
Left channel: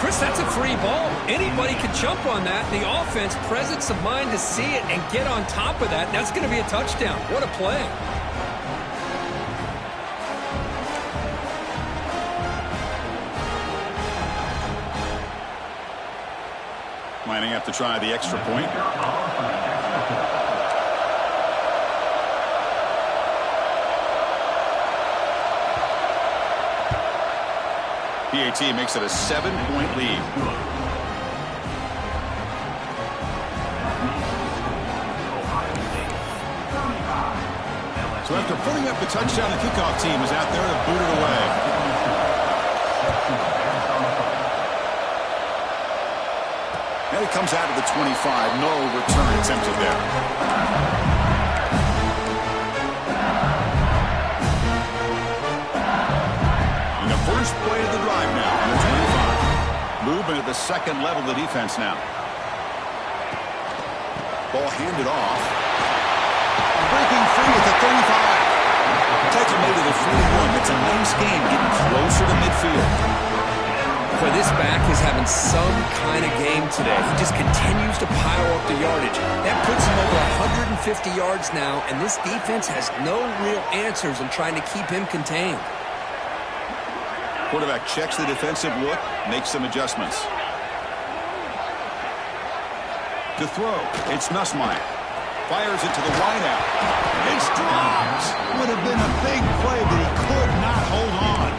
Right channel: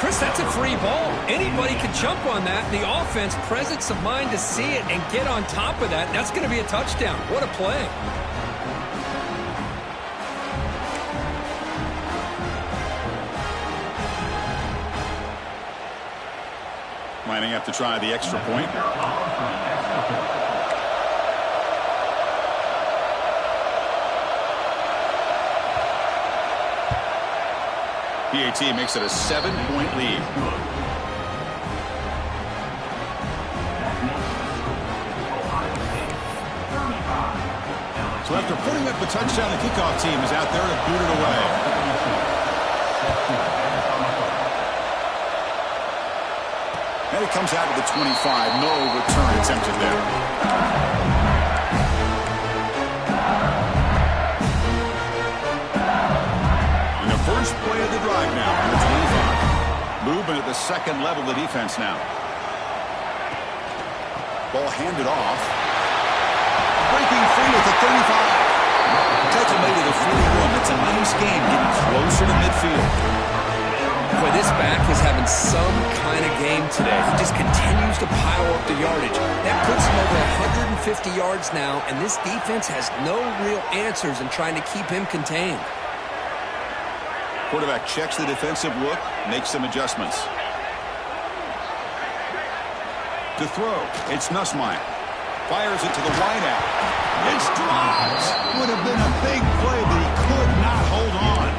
Chris, that's a free ball. Anybody could jump on that. The offense, presence of mind to see it and get on top of that. That's going to be a touchdown. What a play. Lining up to try the extra point. PAT makes it a 7-point lead. So after putting up the touchdown, the kickoff team is out there to boot it away. And it comes out to the 25. No return attempted there. And the first play of the drive now on the 25. Movement at the second level of the defense now. Ball handed off. Breaking free at the 35. Tackle made at the 41. That's a nice game, getting closer to midfield. Boy, this back is having some kind of game today. He just continues to pile up the yardage. That puts him over 150 yards now, and this defense has no real answers in trying to keep him contained. Quarterback checks the defensive look, makes some adjustments. To throw, it's Nussmeier. Fires it to the wideout. It's dropped. Would have been a big play, but he could not hold on.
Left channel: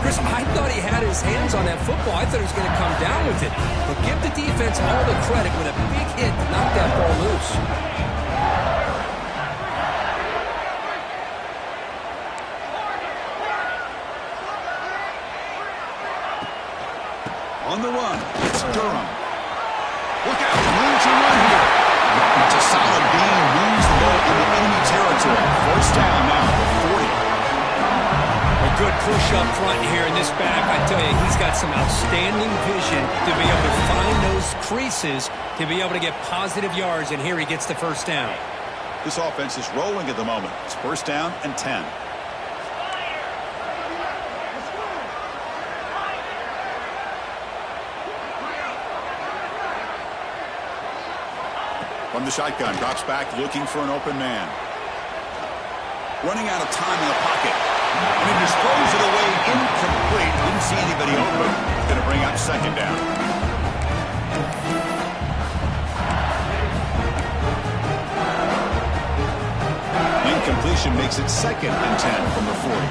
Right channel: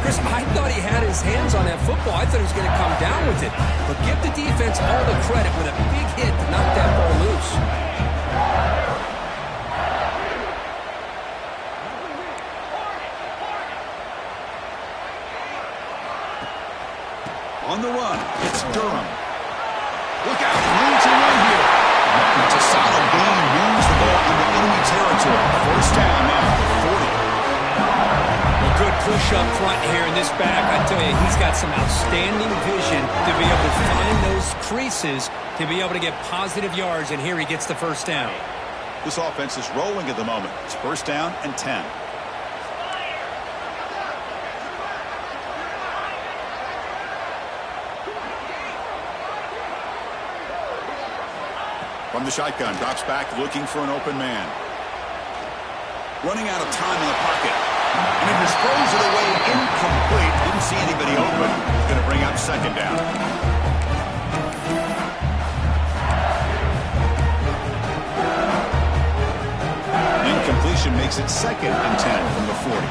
Chris, I thought he had his hands on that football. I thought he was going to come down with it. But give the defense all the credit with a big hit to knock that ball loose. On the run, it's Durham. Look out, room to run here. It's a solid gain, moves the ball into enemy territory. First down now at the 40. A good push up front here in this back. I tell you, he's got some outstanding vision to be able to find those creases to be able to get positive yards, and here he gets the first down. This offense is rolling at the moment. It's first down and 10. From the shotgun, drops back, looking for an open man. Running out of time in the pocket. And he just throws it away incomplete. Didn't see anybody open. It's going to bring up second down. Incompletion makes it second and 10 from the 40.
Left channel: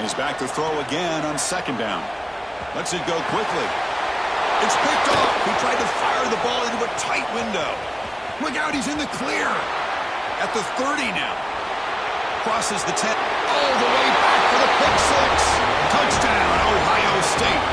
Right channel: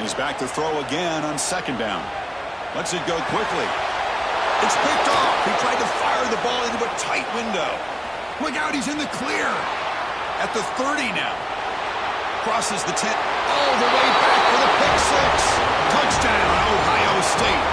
He's back to throw again on second down. Lets it go quickly. It's picked off. He tried to fire the ball into a tight window. Look out, he's in the clear. At the 30 now. Crosses the 10. All the way back for the pick six. Touchdown, Ohio State.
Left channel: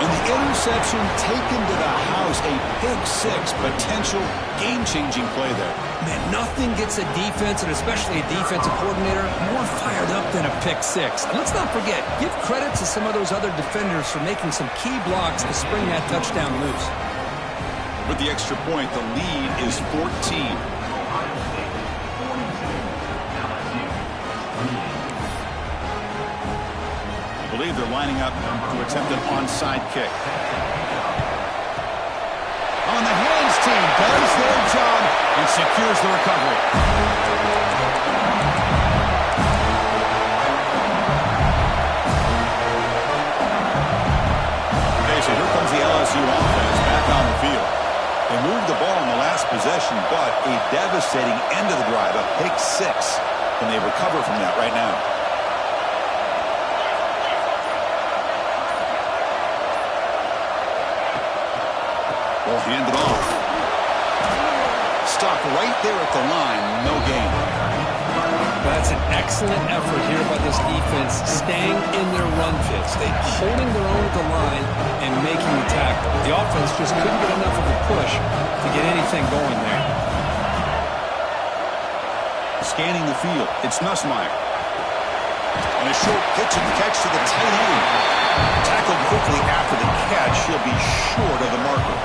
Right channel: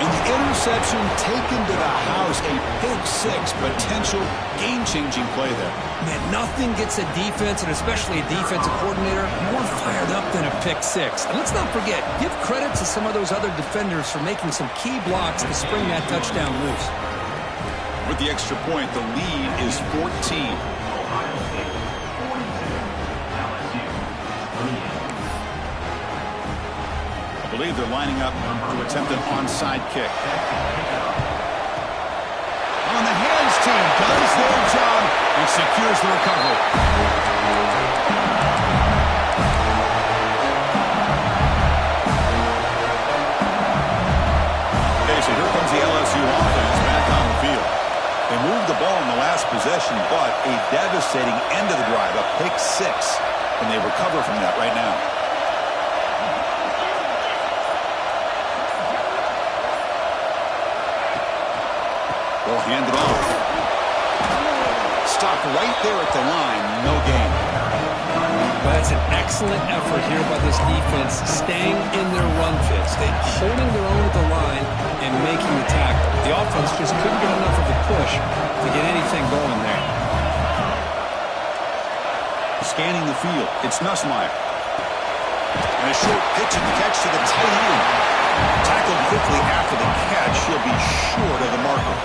And the interception taken to the house. A pick six, potential game-changing play there. Man, nothing gets a defense, and especially a defensive coordinator, more fired up than a pick six. And let's not forget, give credit to some of those other defenders for making some key blocks to spring that touchdown loose. With the extra point, the lead is 14. Ohio State 42, LSU 28. I believe they're lining up to attempt an onside kick. On the hands team does their job and secures the recovery. Okay, so here comes the LSU offense back on the field. They moved the ball in the last possession, but a devastating end of the drive, a pick six, and they recover from that right now. Ball handed off. Stopped right there at the line. No gain. But that's an excellent effort here by this defense, staying in their run fits. They holding their own at the line and making the tackle. The offense just couldn't get enough of a push to get anything going there. Scanning the field. It's Nussmeier. And a short pitch and catch to the tight end. Tackled quickly after the catch. He'll be short of the marker.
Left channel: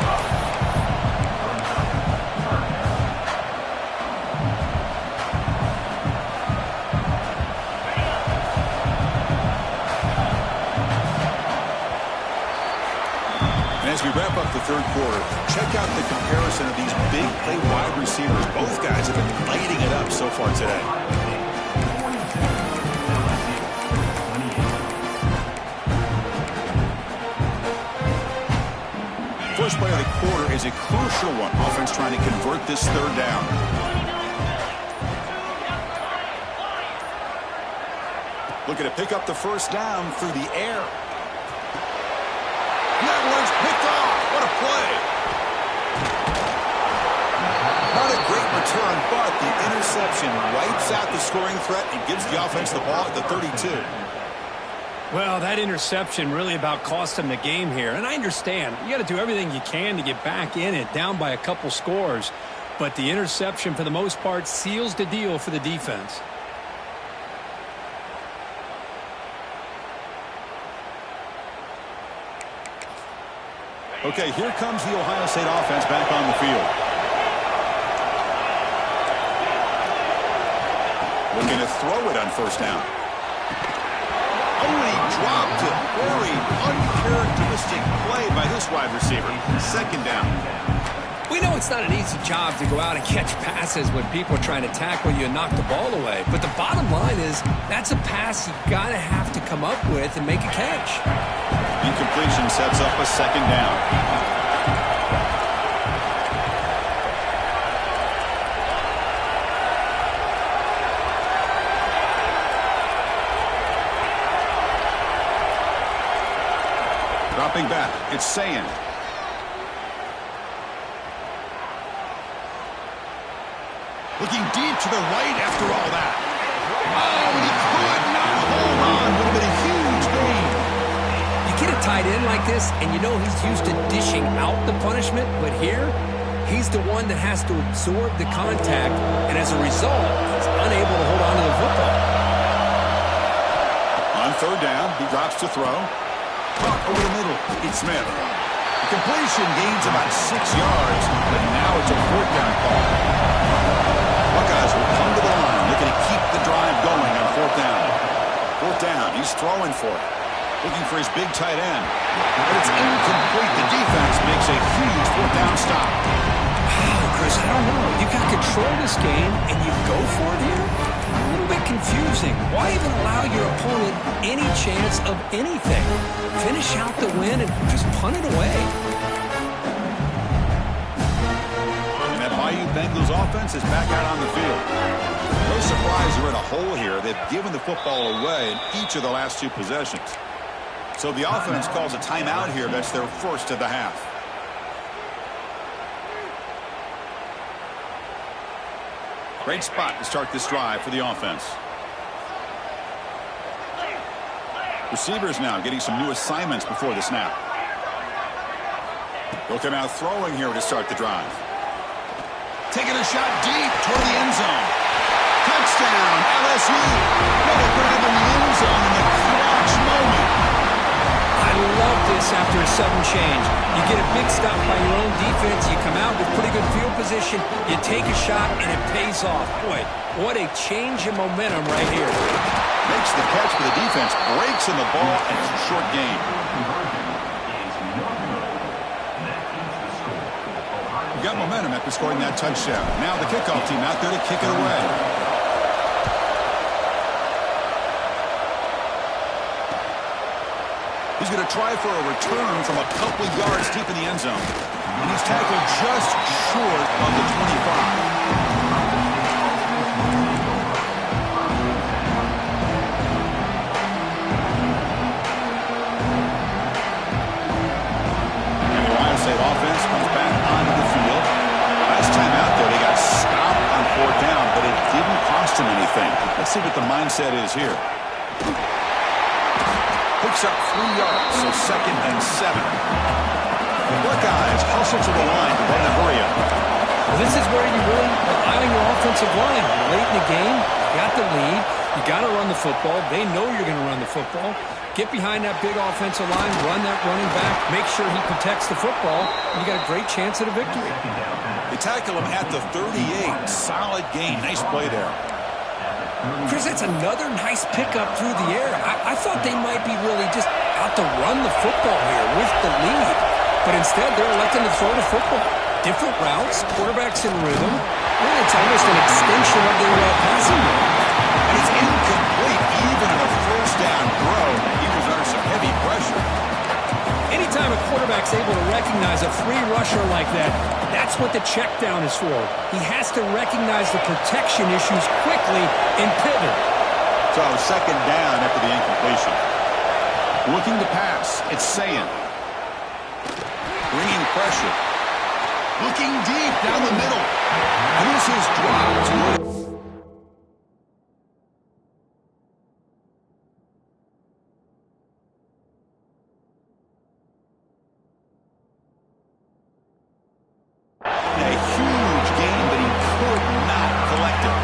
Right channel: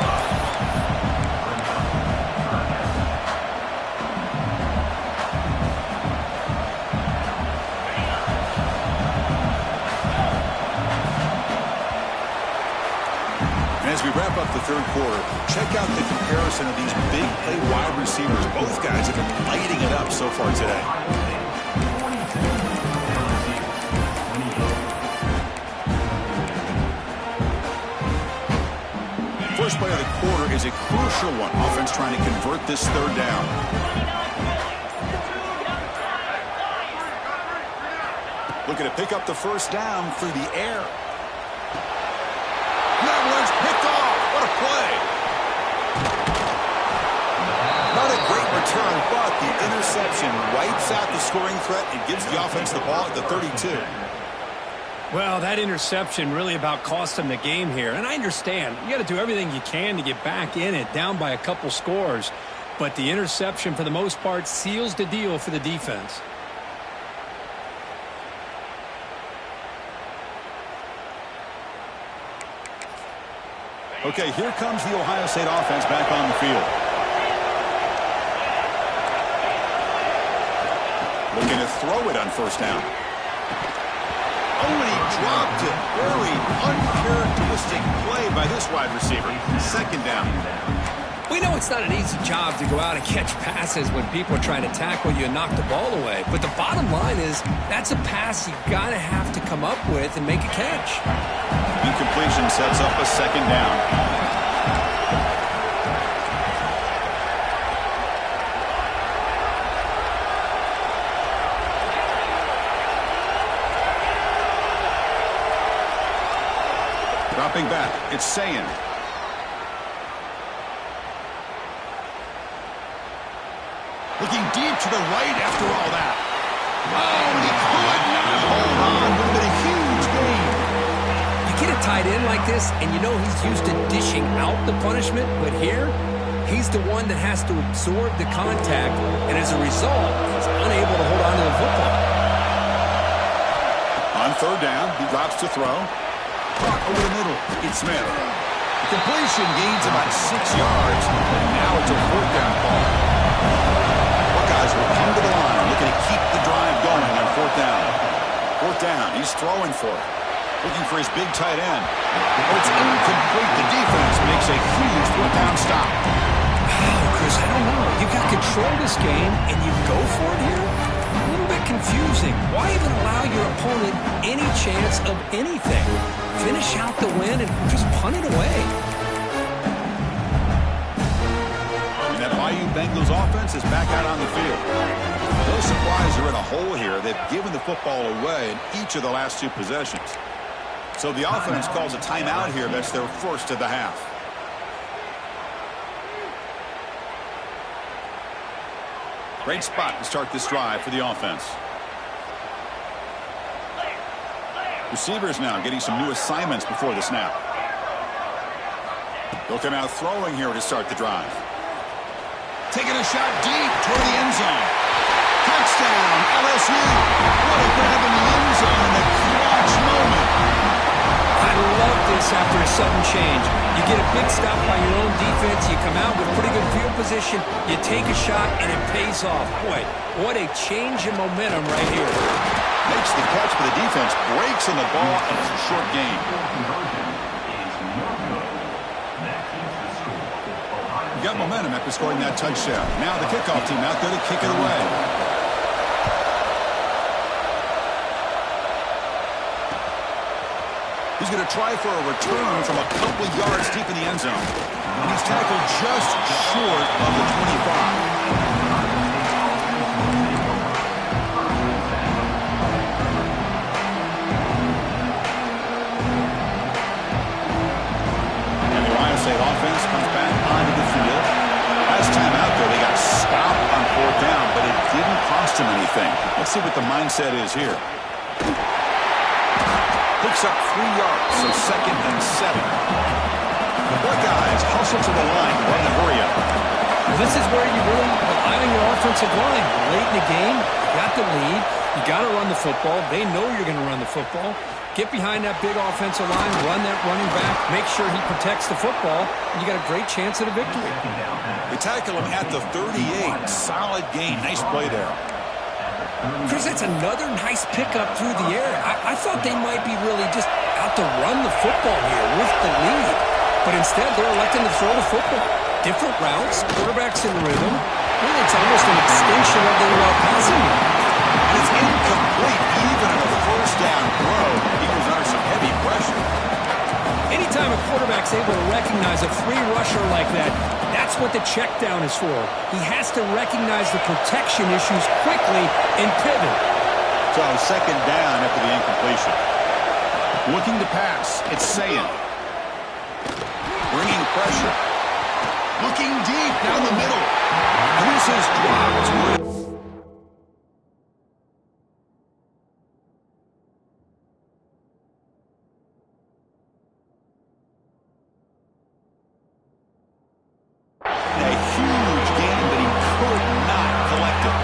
As we wrap up the third quarter, check out the comparison of these big play wide receivers. Both guys have been lighting it up so far today. first play of the quarter is a crucial one. Offense trying to convert this third down. Looking to pick up the first down through the air. And that one's picked off. What a play. Not a great return, but the interception wipes out the scoring threat and gives the offense the ball at the 32. Well, that interception really about cost them the game here. And I understand. You got to do everything you can to get back in it, down by a couple scores. But the interception, for the most part, seals the deal for the defense. Okay, here comes the Ohio State offense back on the field. Looking to throw it on first down. Oh, and he dropped it. Very uncharacteristic play by this wide receiver. Second down. We know it's not an easy job to go out and catch passes when people are trying to tackle you and knock the ball away. But the bottom line is that's a pass you got to have to come up with and make a catch. Incompletion sets up a second down. Dropping back, it's Sayin. Looking deep to the right after all that. Oh, and he could not hold on. Would have been a huge gain. You get a tight end like this, and you know he's used to dishing out the punishment, but here, he's the one that has to absorb the contact, and as a result, he's unable to hold on to the football. On third down, he drops to throw. Caught over the middle. It's Smith. The completion gains about 6 yards, but now it's a fourth down call. Buckeyes will come to the line, looking to keep the drive going on fourth down. Fourth down, he's throwing for it. Looking for his big tight end. But it's incomplete. The defense makes a huge fourth down stop. Wow, Chris, I don't know. You got control this game, and you go for it here? A little bit confusing. Why even allow your opponent any chance of anything? Finish out the win and just punt it away. And that Bayou Bengals offense is back out on the field. No surprise they're in a hole here. They've given the football away in each of the last two possessions. So the offense calls a timeout here. That's their first of the half. Great spot to start this drive for the offense. Receivers now getting some new assignments before the snap. They'll come out throwing here to start the drive. Taking a shot deep toward the end zone. Touchdown, LSU. What a grab in the end zone in the clutch moment. I love this after a sudden change. You get a big stop by your own defense. You come out with pretty good field position. You take a shot, and it pays off. Boy, what a change in momentum right here. Makes the catch, but the defense breaks on the ball, and it's a short game. You got momentum after scoring that touchdown. Now the kickoff team out there to kick it away. He's going to try for a return from a couple yards deep in the end zone. And he's tackled just short of the 25. State offense comes back onto the field. Last time out there, they got stopped on fourth down, but it didn't cost them anything. Let's see what the mindset is here. Picks up 3 yards, so second and 7. The Buckeyes hustle to the line to run the hurry up. Well, this is where you really rely on your offensive line. Late in the game, you got the lead. You got to run the football. They know you're going to run the football. Get behind that big offensive line, run that running back, make sure he protects the football, and you got a great chance at a victory. They tackle him at the 38. Solid gain. Nice play there. Chris, that's another nice pickup through the air. I thought they might be really just out to run the football here with the lead. But instead, they're electing to throw the football. Different routes, quarterbacks in rhythm. Really, it's almost an extension of their passing game. And it's incomplete even on a first down throw. Eagles under some heavy pressure. Anytime a quarterback's able to recognize a free rusher like that, that's what the check down is for. He has to recognize the protection issues quickly and pivot. So second down after the incompletion. Looking to pass. It's Sayin. Bringing pressure. Looking deep down the middle. And this is dropped. A huge gain, but he could not collect it.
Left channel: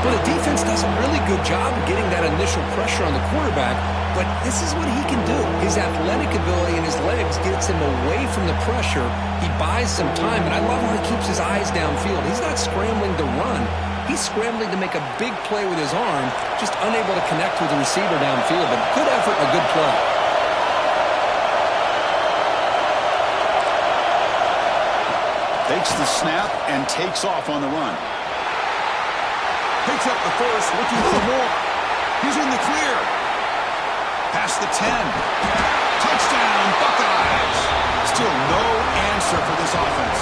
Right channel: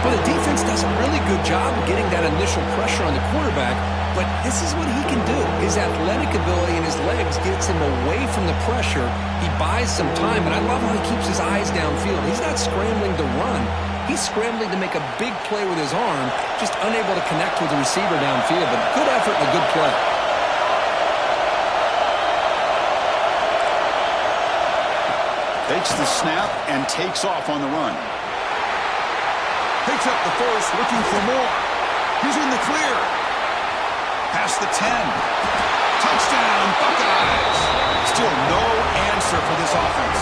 Well, the defense does a really good job of getting that initial pressure on the quarterback, but this is what he can do. His athletic ability and his legs gets him away from the pressure. He buys some time, and I love how he keeps his eyes downfield. He's not scrambling to run. He's scrambling to make a big play with his arm, just unable to connect with the receiver downfield, but good effort and a good play. Takes the snap and takes off on the run. Picks up the first, looking for more. He's in the clear. Past the 10. Touchdown, Buckeyes. Still no answer for this offense.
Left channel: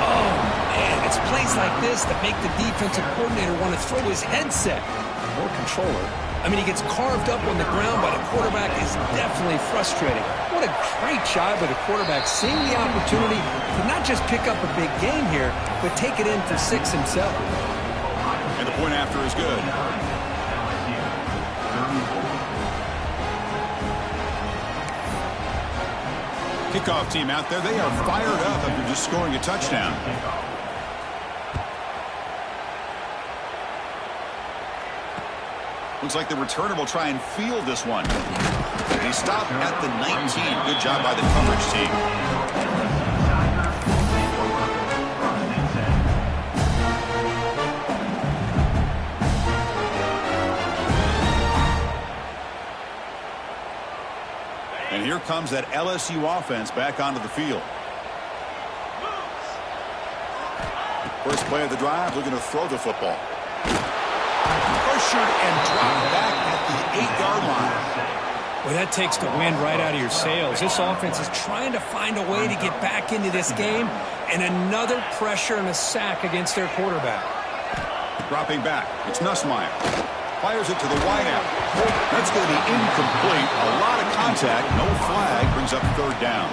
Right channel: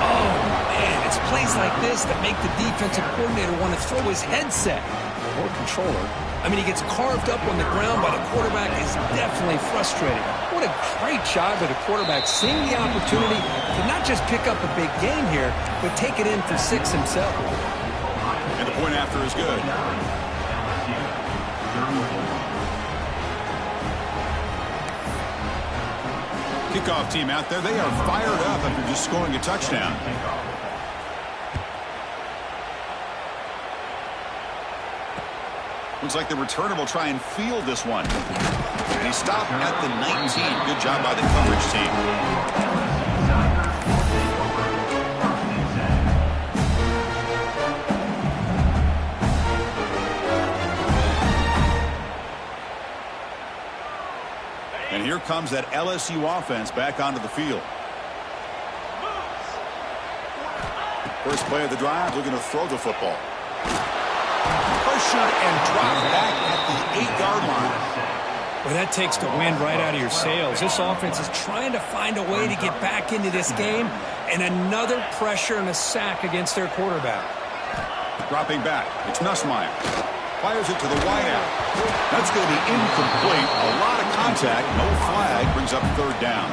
Oh, man, it's plays like this that make the defensive coordinator want to throw his headset. Or controller. I mean, he gets carved up on the ground by the quarterback. Is definitely frustrating. What a great job by the quarterback seeing the opportunity to not just pick up a big gain here, but take it in for 6 himself. And the point after is good. Kickoff team out there. They are fired up after just scoring a touchdown. Looks like the returner will try and field this one. And he stopped at the 19. Good job by the coverage team. And here comes that LSU offense back onto the field. First play of the drive, looking to throw the football. Pressured and dropped back at the 8-yard line. Well, that takes the wind right out of your sails. This offense is trying to find a way to get back into this game, and another pressure and a sack against their quarterback. Dropping back, it's Nussmeier. Fires it to the wideout. That's going to be incomplete. A lot of contact, no flag, brings up third down.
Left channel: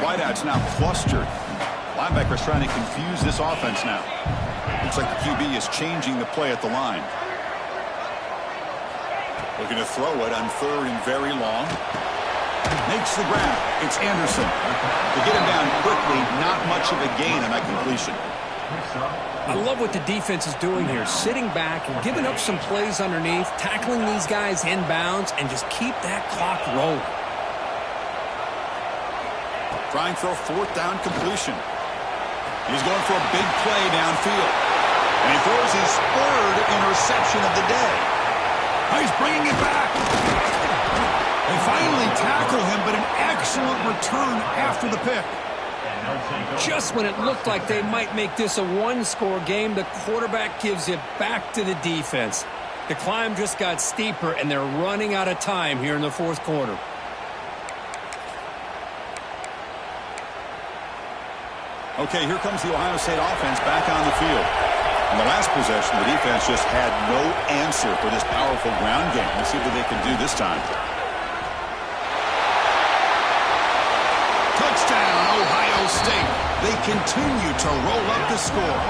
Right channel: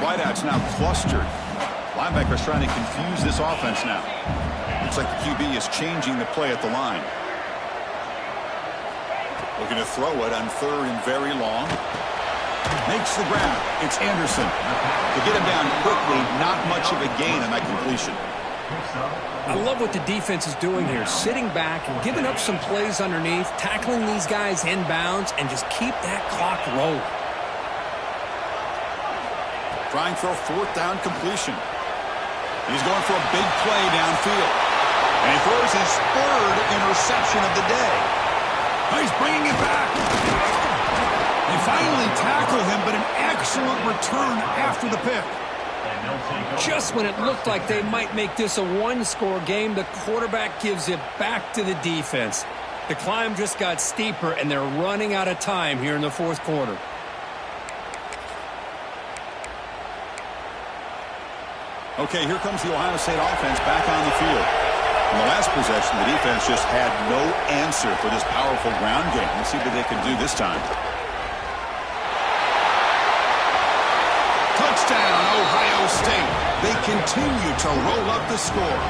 Wideout's now clustered. Linebackers trying to confuse this offense now. Looks like the QB is changing the play at the line. Looking to throw it on third and very long. Makes the grab. It's Anderson. To get him down quickly, not much of a gain on that completion. I love what the defense is doing here. Sitting back and giving up some plays underneath, tackling these guys inbounds, and just keep that clock rolling. Trying for a fourth down completion. He's going for a big play downfield. And he throws his third interception of the day. Oh, he's bringing it back. They finally tackle him, but an excellent return after the pick. Just when it looked like they might make this a one-score game, the quarterback gives it back to the defense. The climb just got steeper, and they're running out of time here in the fourth quarter. Okay, here comes the Ohio State offense back on the field. In the last possession, the defense just had no answer for this powerful ground game. Let's see what they can do this time. Touchdown, Ohio State. They continue to roll up the score.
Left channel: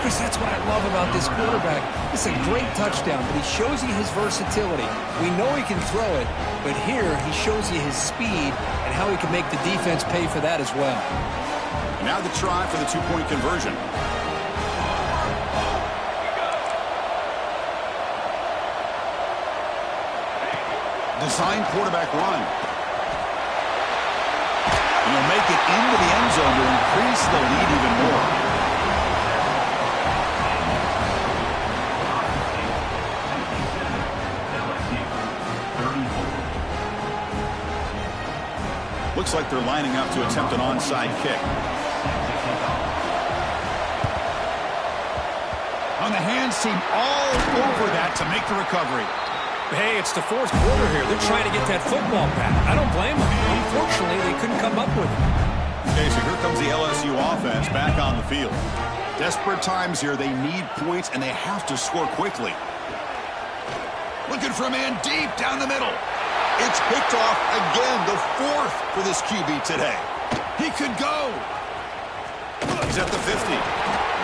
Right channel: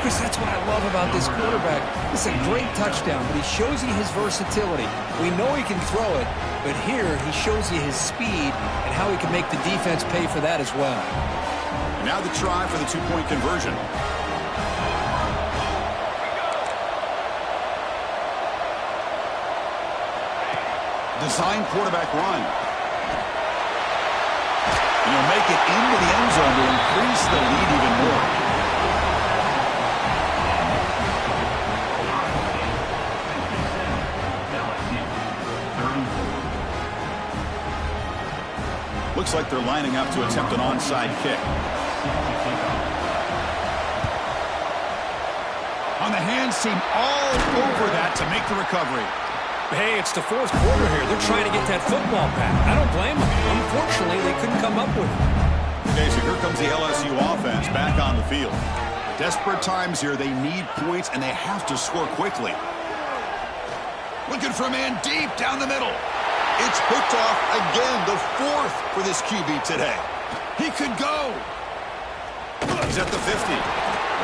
Chris, that's what I love about this quarterback. It's a great touchdown, but he shows you his versatility. We know he can throw it, but here he shows you his speed and how he can make the defense pay for that as well. And now the try for the two-point conversion. Design quarterback run. And he'll make it into the end zone to increase the lead even more. Looks like they're lining up to attempt an onside kick. On the hands team all over that to make the recovery. Hey, it's the fourth quarter here. They're trying to get that football back. I don't blame them. Unfortunately, they couldn't come up with it. Okay, so here comes the LSU offense back on the field. Desperate times here. They need points, and they have to score quickly. Looking for a man deep down the middle. It's picked off again, the fourth for this QB today. He could go. He's at the 50.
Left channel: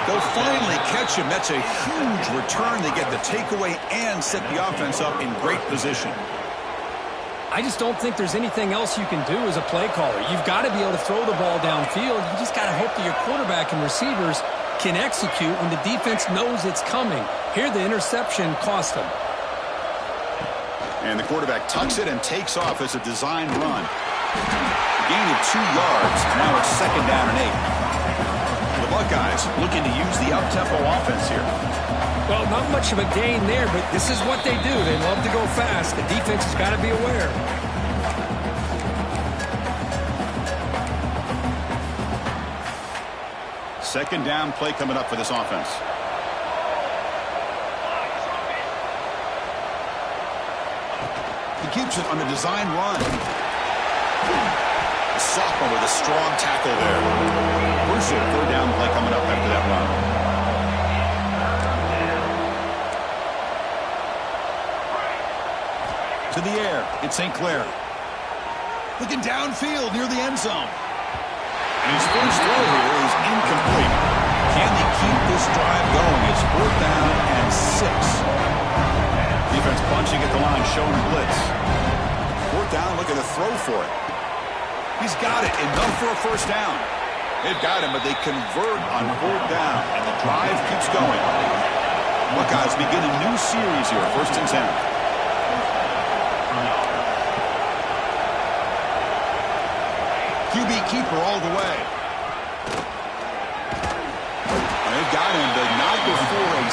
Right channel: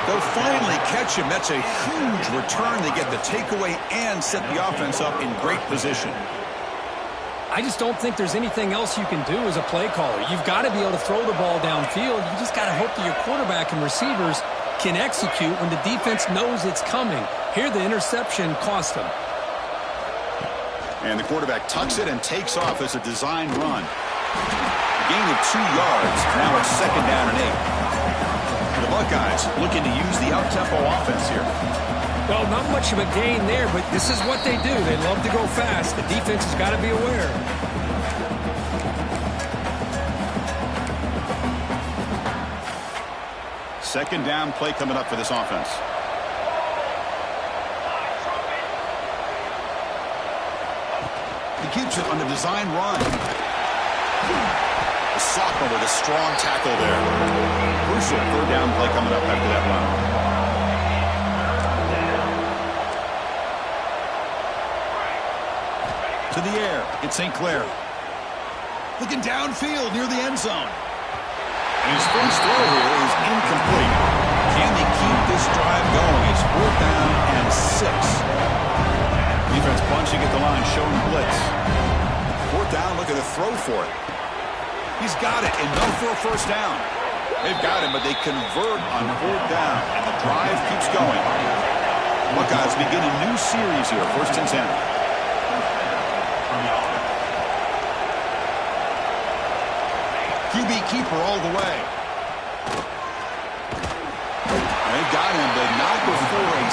They'll finally catch him. That's a huge return. They get the takeaway and set the offense up in great position. I just don't think there's anything else you can do as a play caller. You've got to be able to throw the ball downfield. You just got to hope that your quarterback and receivers can execute when the defense knows it's coming. Here, the interception cost them. And the quarterback tucks it and takes off as a design run. A gain of 2 yards. Now it's 2nd down and 8. The Buckeyes looking to use the up-tempo offense here. Well, not much of a gain there, but this is what they do. They love to go fast. The defense has got to be aware. Second down play coming up for this offense. He keeps it on the design run. The sophomore with a strong tackle there. Crucial 3rd down play coming up after that run. To the air, it's St. Clair. Looking downfield near the end zone. And his first throw here is incomplete. Can they keep this drive going? It's 4th down and 6. Defense bunching at the line, showing blitz. 4th down, look at the throw for it. He's got it, enough for a first down. They've got him, but they convert on 4th down, and the drive keeps going. Buckeyes begin a new series here, 1st and 10. QB keeper all the way. They've got him, but not before a